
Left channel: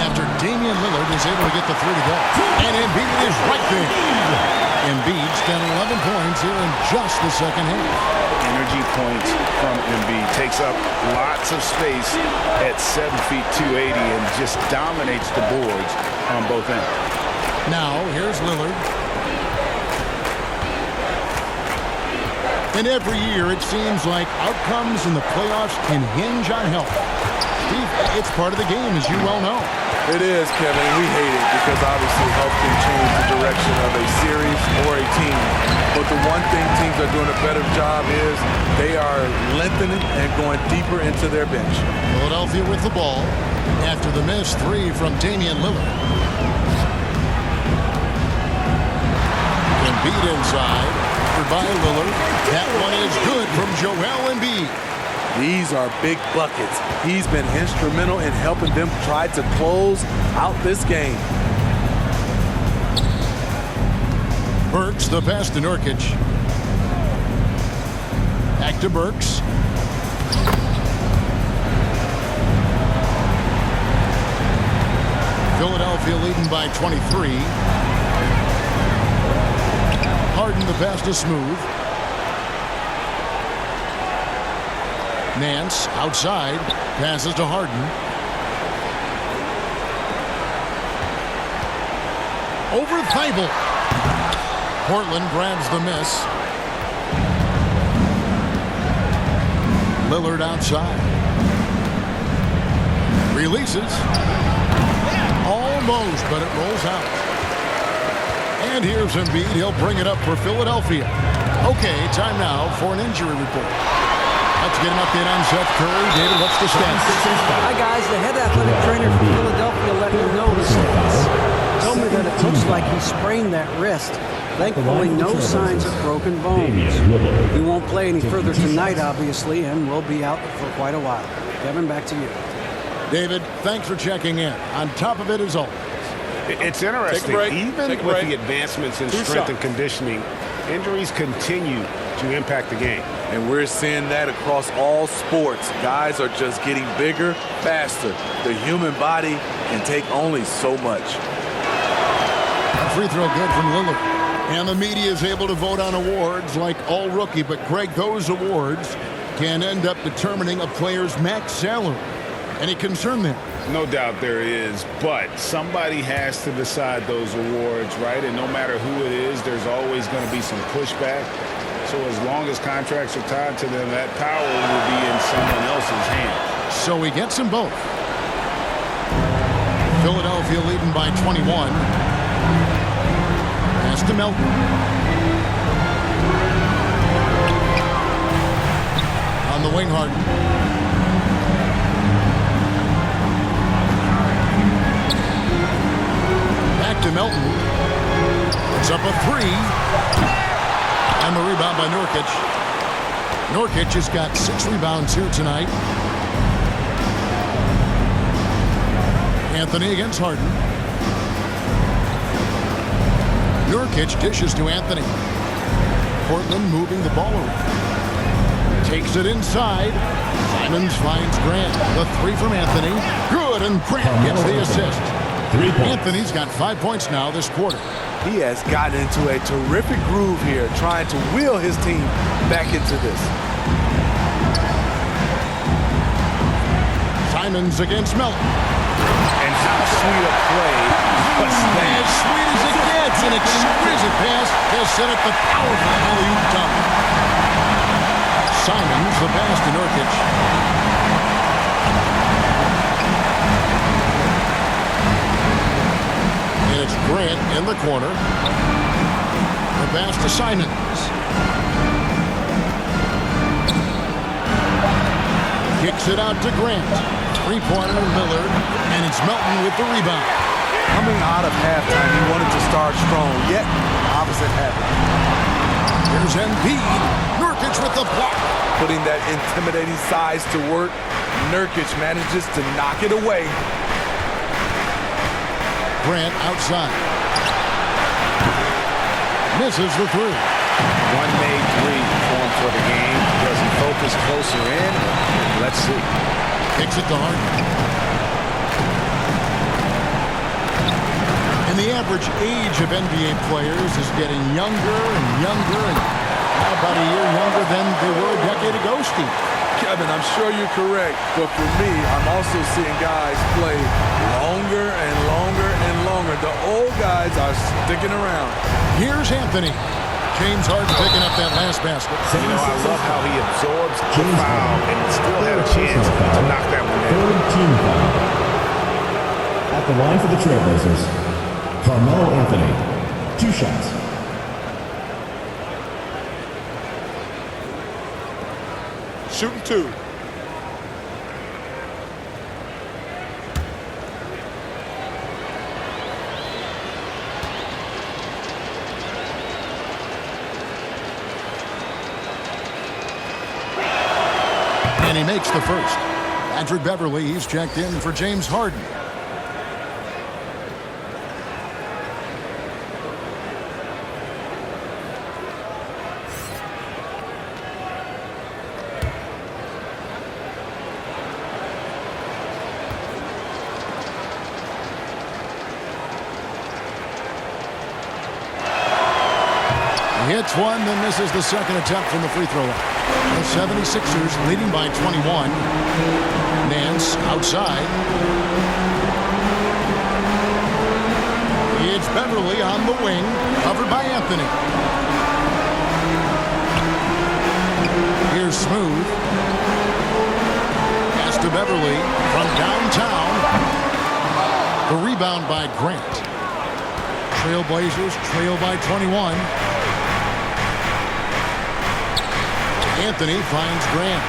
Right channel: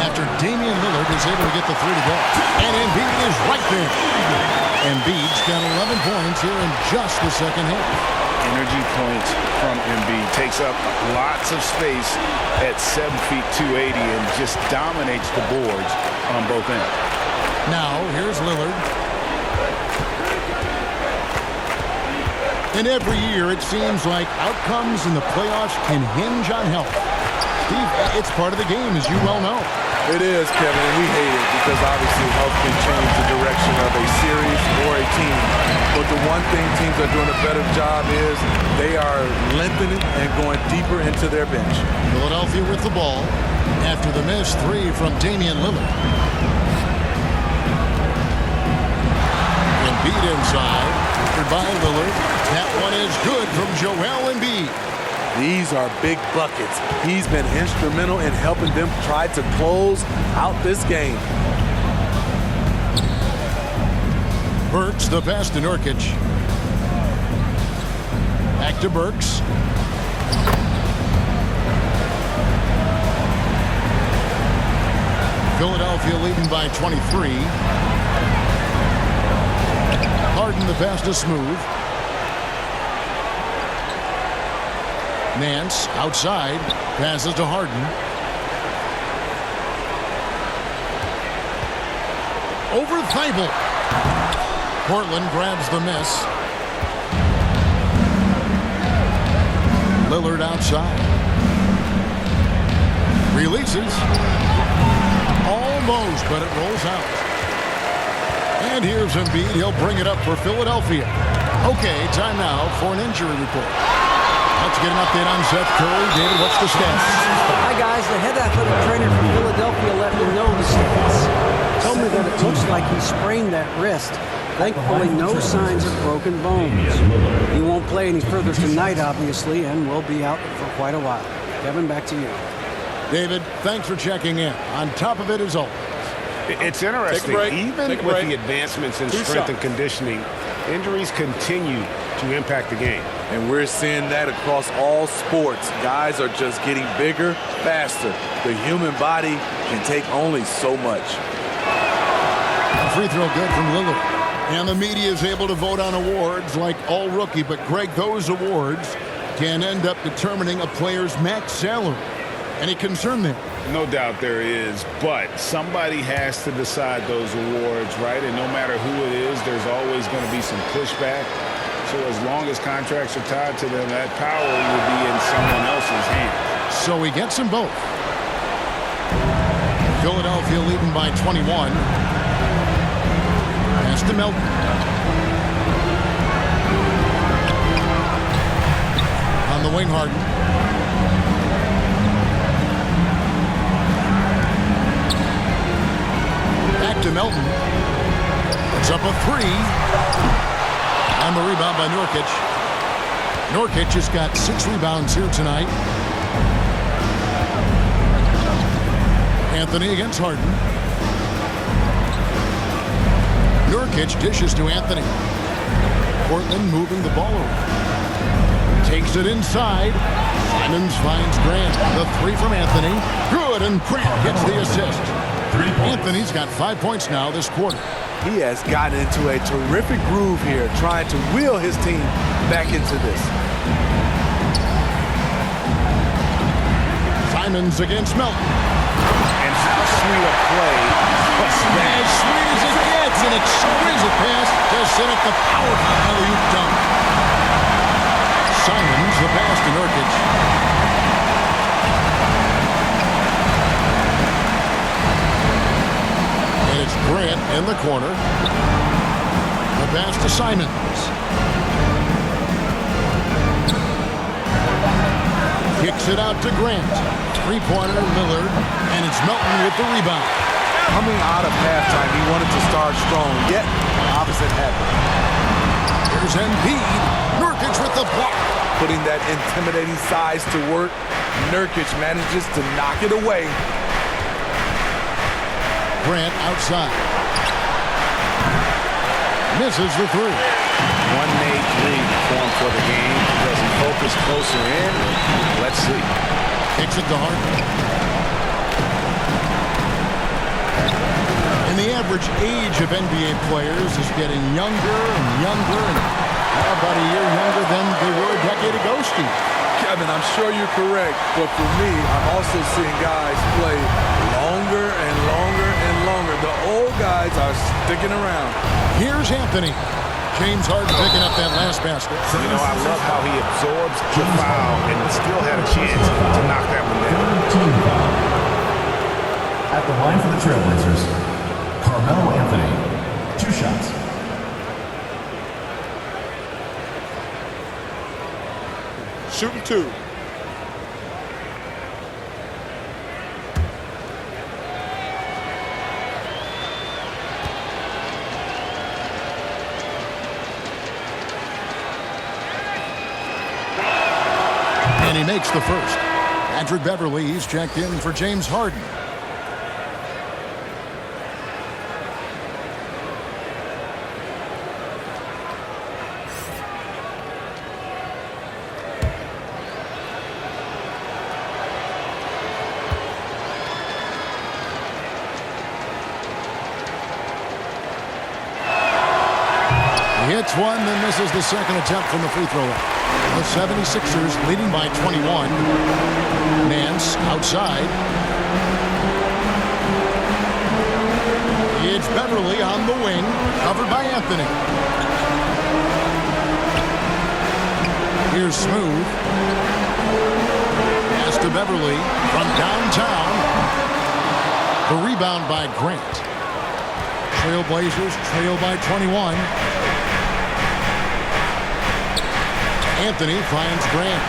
after Damian Lillard is able to get the 3 to go. And Embiid is right there. Embiid's got 11 points here in just the second half. Energy points from Embiid. Takes up lots of space at 7 feet 280 and just dominates the boards on both ends. Now, here's Lillard. And every year, it seems like outcomes in the playoffs can hinge on health. Steve, it's part of the game, as you well know. It is, Kevin, and we hate it because obviously health can change the direction of a series or a team. But the one thing teams are doing a better job is they are lengthening and going deeper into their bench. Philadelphia with the ball after the missed 3 from Damian Lillard. Embiid inside, covered by Lillard. That one is good from Joel Embiid. These are big buckets. He's been instrumental in helping them try to close out this game. Burks, the pass to Nurkic. Back to Burks. Philadelphia leading by 23. Harden, the pass to Smooth. Nance outside, passes to Harden. Over Thybulle. Portland grabs the miss. Lillard outside. Releases. Almost, but it rolls out. And here's Embiid. He'll bring it up for Philadelphia. Okay, time now for an injury report. Let's get an update on Seth Curry. David, what's the stats? Hi, guys. The head athletic trainer for Philadelphia let me know the stats. Told me that it looks like he sprained that wrist. Thankfully, no signs of broken bones. He won't play any further tonight, obviously, and will be out for quite a while. Kevin, back to you. David, thanks for checking in. On top of it, as always. It's interesting. Even with the advancements in strength and conditioning, injuries continue to impact the game. And we're seeing that across all sports. Guys are just getting bigger, faster. The human body can take only so much. A free throw good from Lillard. And the media is able to vote on awards like All-Rookie. But, Greg, those awards can end up determining a player's max salary. Any concern there? No doubt there is, but somebody has to decide those awards, right? And no matter who it is, there's always going to be some pushback. So as long as contracts are tied to them, that power will be in someone else's hands. So he gets them both. Philadelphia leading by 21. Pass to Melton. On the wing, Harden. Back to Melton. Puts up a 3. And the rebound by Nurkic. Nurkic has got 6 rebounds here tonight. Anthony against Harden. Nurkic dishes to Anthony. Portland moving the ball around. Takes it inside. Simons finds Grant. The three from Anthony. Good, and Grant gets the assist. 3 points. Anthony's got 5 points now this quarter. He has gotten into a terrific groove here, trying to wheel his team back into this. Simons against Melton. And how sweet a play was that? As sweet as it gets, an exquisite pass to set up the powerful alley-oop dunk. Simons, the pass to Nurkic. And it's Grant in the corner. The pass to Simons. Kicks it out to Grant. Three-pointer, Lillard, and it's Melton with the rebound. Coming out of halftime, he wanted to start strong, yet the opposite happened. Here's Embiid. Nurkic with the block. Putting that intimidating size to work, Nurkic manages to knock it away. Grant outside. Misses the three. One made three for him for the game. Does he focus closer in? Let's see. Kicks it to Harden. And the average age of NBA players is getting younger and younger, and now about a year younger than they were a decade ago, Steve. Kevin, I'm sure you're correct, but for me, I'm also seeing guys play longer and longer and longer. The old guys are sticking around. Here's Anthony. James Harden picking up that last basket. You know, I love how he absorbs the foul and still had a chance to knock that one down. Team foul. At the line for the Trailblazers, Carmelo Anthony. 2 shots. Shooting 2. And he makes the first. Patrick Beverley, he's checked in for James Harden. He hits one, then misses the second attempt from the free throw line. The 76ers leading by 21. Nance outside. It's Beverley on the wing, covered by Anthony. Here's Smooth. Pass to Beverley from downtown. The rebound by Grant. Trailblazers trail by 21. Anthony finds Grant.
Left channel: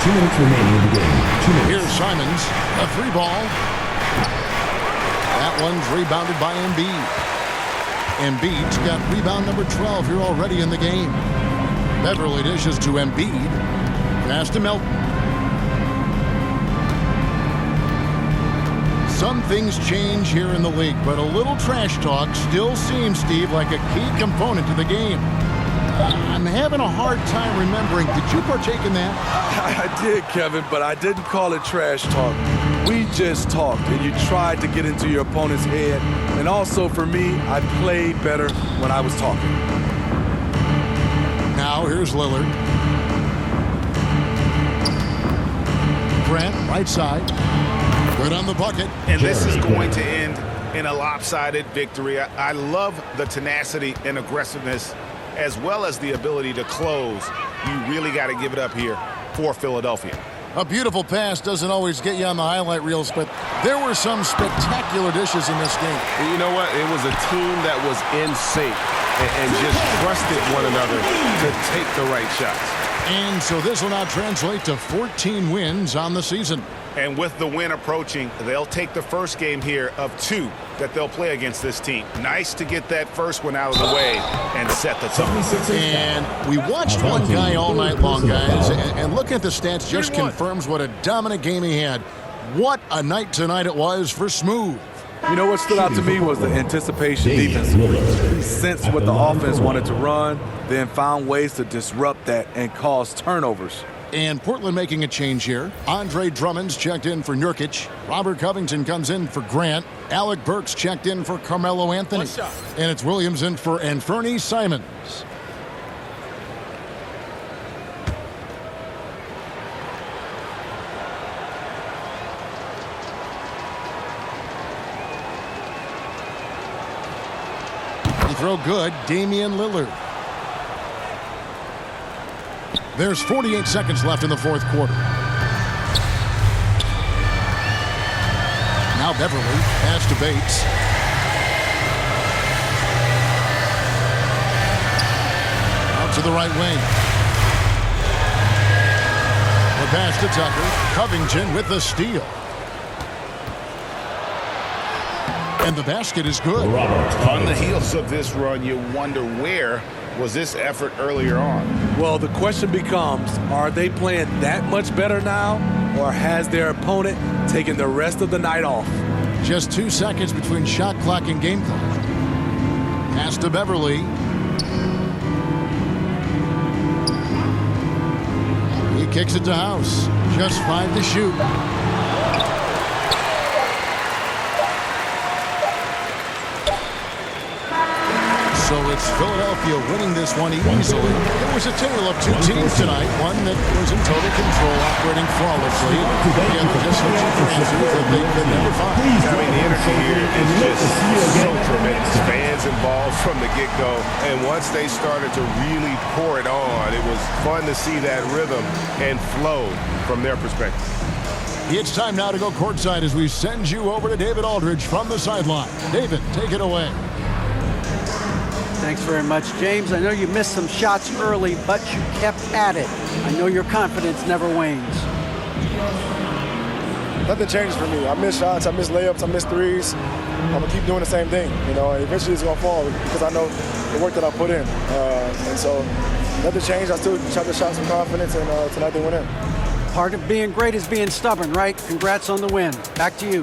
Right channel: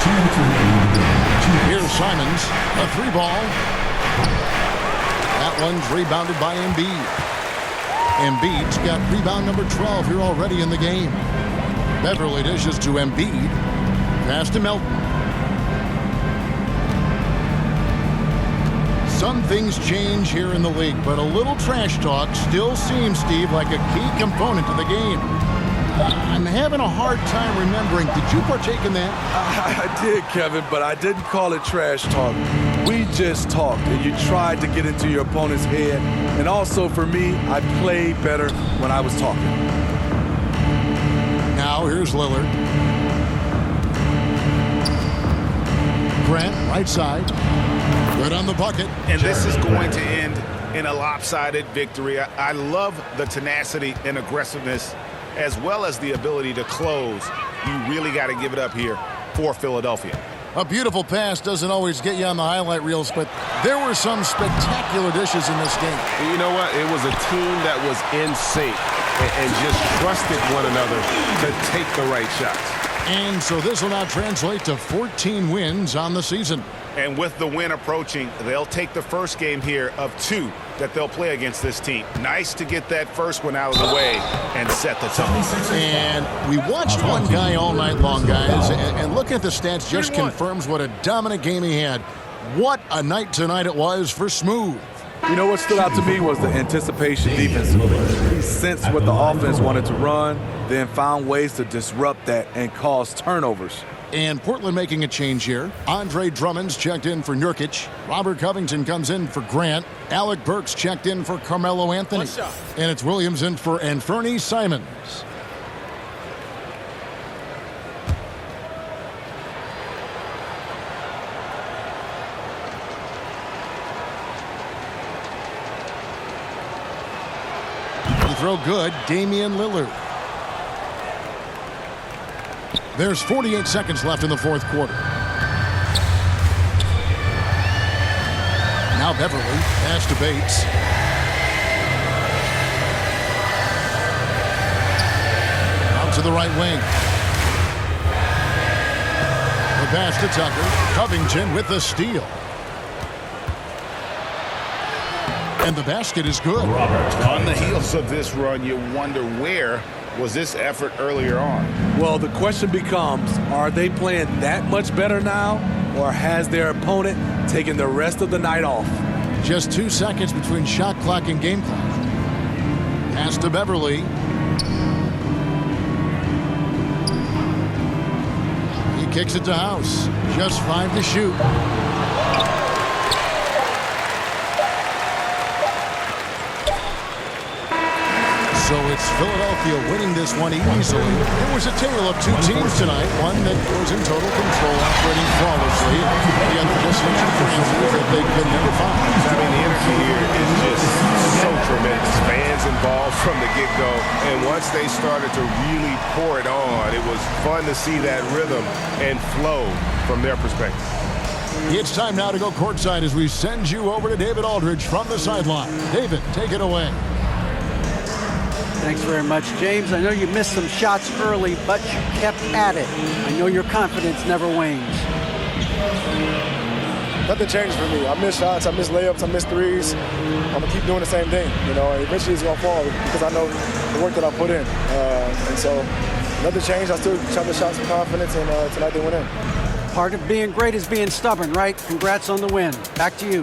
2 minutes remaining in the game. 2 minutes. Here's Simons, a three ball. That one's rebounded by Embiid. Embiid's got rebound number 12 here already in the game. Beverley dishes to Embiid. Pass to Melton. Some things change here in the league, but a little trash talk still seems, Steve, like a key component to the game. I'm having a hard time remembering. Did you partake in that? I did, Kevin, but I didn't call it trash talk. We just talked, and you tried to get into your opponent's head. And also, for me, I played better when I was talking. Now, here's Lillard. Grant, right side. Good on the bucket. And this is going to end in a lopsided victory. I love the tenacity and aggressiveness, as well as the ability to close. You really got to give it up here for Philadelphia. A beautiful pass doesn't always get you on the highlight reels, but there were some spectacular dishes in this game. You know what? It was a team that was in sync and just trusted one another to take the right shots. And so this will now translate to 14 wins on the season. And with the win approaching, they'll take the first game here of 2 that they'll play against this team. Nice to get that first one out of the way and set the tone. And we watched one guy all night long, guys, and looking at the stats just confirms what a dominant game he had. What a night tonight it was for Smooth. You know what stood out to me was the anticipation defensively. He sensed what the offense wanted to run, then found ways to disrupt that and cause turnovers. And Portland making a change here. Andre Drummond's checked in for Nurkic. Robert Covington comes in for Grant. Alec Burks checked in for Carmelo Anthony. And it's Williams in for Anthony Simons. Free throw good, Damian Lillard. There's 48 seconds left in the fourth quarter. Now Beverly, pass to Bates. Out to the right wing. The pass to Tucker. Covington with the steal. And the basket is good. On the heels of this run, you wonder where was this effort earlier on? Well, the question becomes, are they playing that much better now, or has their opponent taken the rest of the night off? Just 2 seconds between shot clock and game clock. Pass to Beverly. He kicks it to House. Just 5 to shoot. So it's Philadelphia winning this one easily. It was a tale of two teams tonight. One that was in total control, operating flawlessly. The other just searching for answers that they could never find. I mean, the energy here is just so tremendous. Fans involved from the get-go. And once they started to really pour it on, it was fun to see that rhythm and flow from their perspective. It's time now to go courtside as we send you over to David Aldridge from the sideline. David, take it away. Thanks very much, James. I know you missed some shots early, but you kept at it. I know your confidence never wanes. Nothing changes for me. I miss shots, I miss layups, I miss threes. I'm going to keep doing the same thing. You know, eventually it's going to fall because I know the work that I put in. And so nothing changed. I still shot the shots with confidence, and tonight they went in. Part of being great is being stubborn, right? Congrats on the win. Back to you.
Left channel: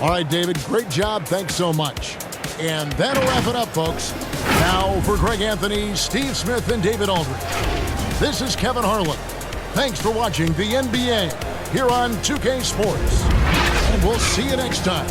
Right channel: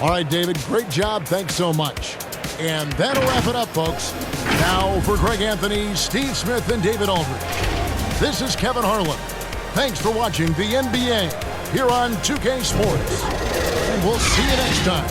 All right, David, great job. Thanks so much. And that'll wrap it up, folks. Now for Greg Anthony, Steve Smith, and David Aldridge. This is Kevin Harlan. Thanks for watching the NBA here on 2K Sports. And we'll see you next time.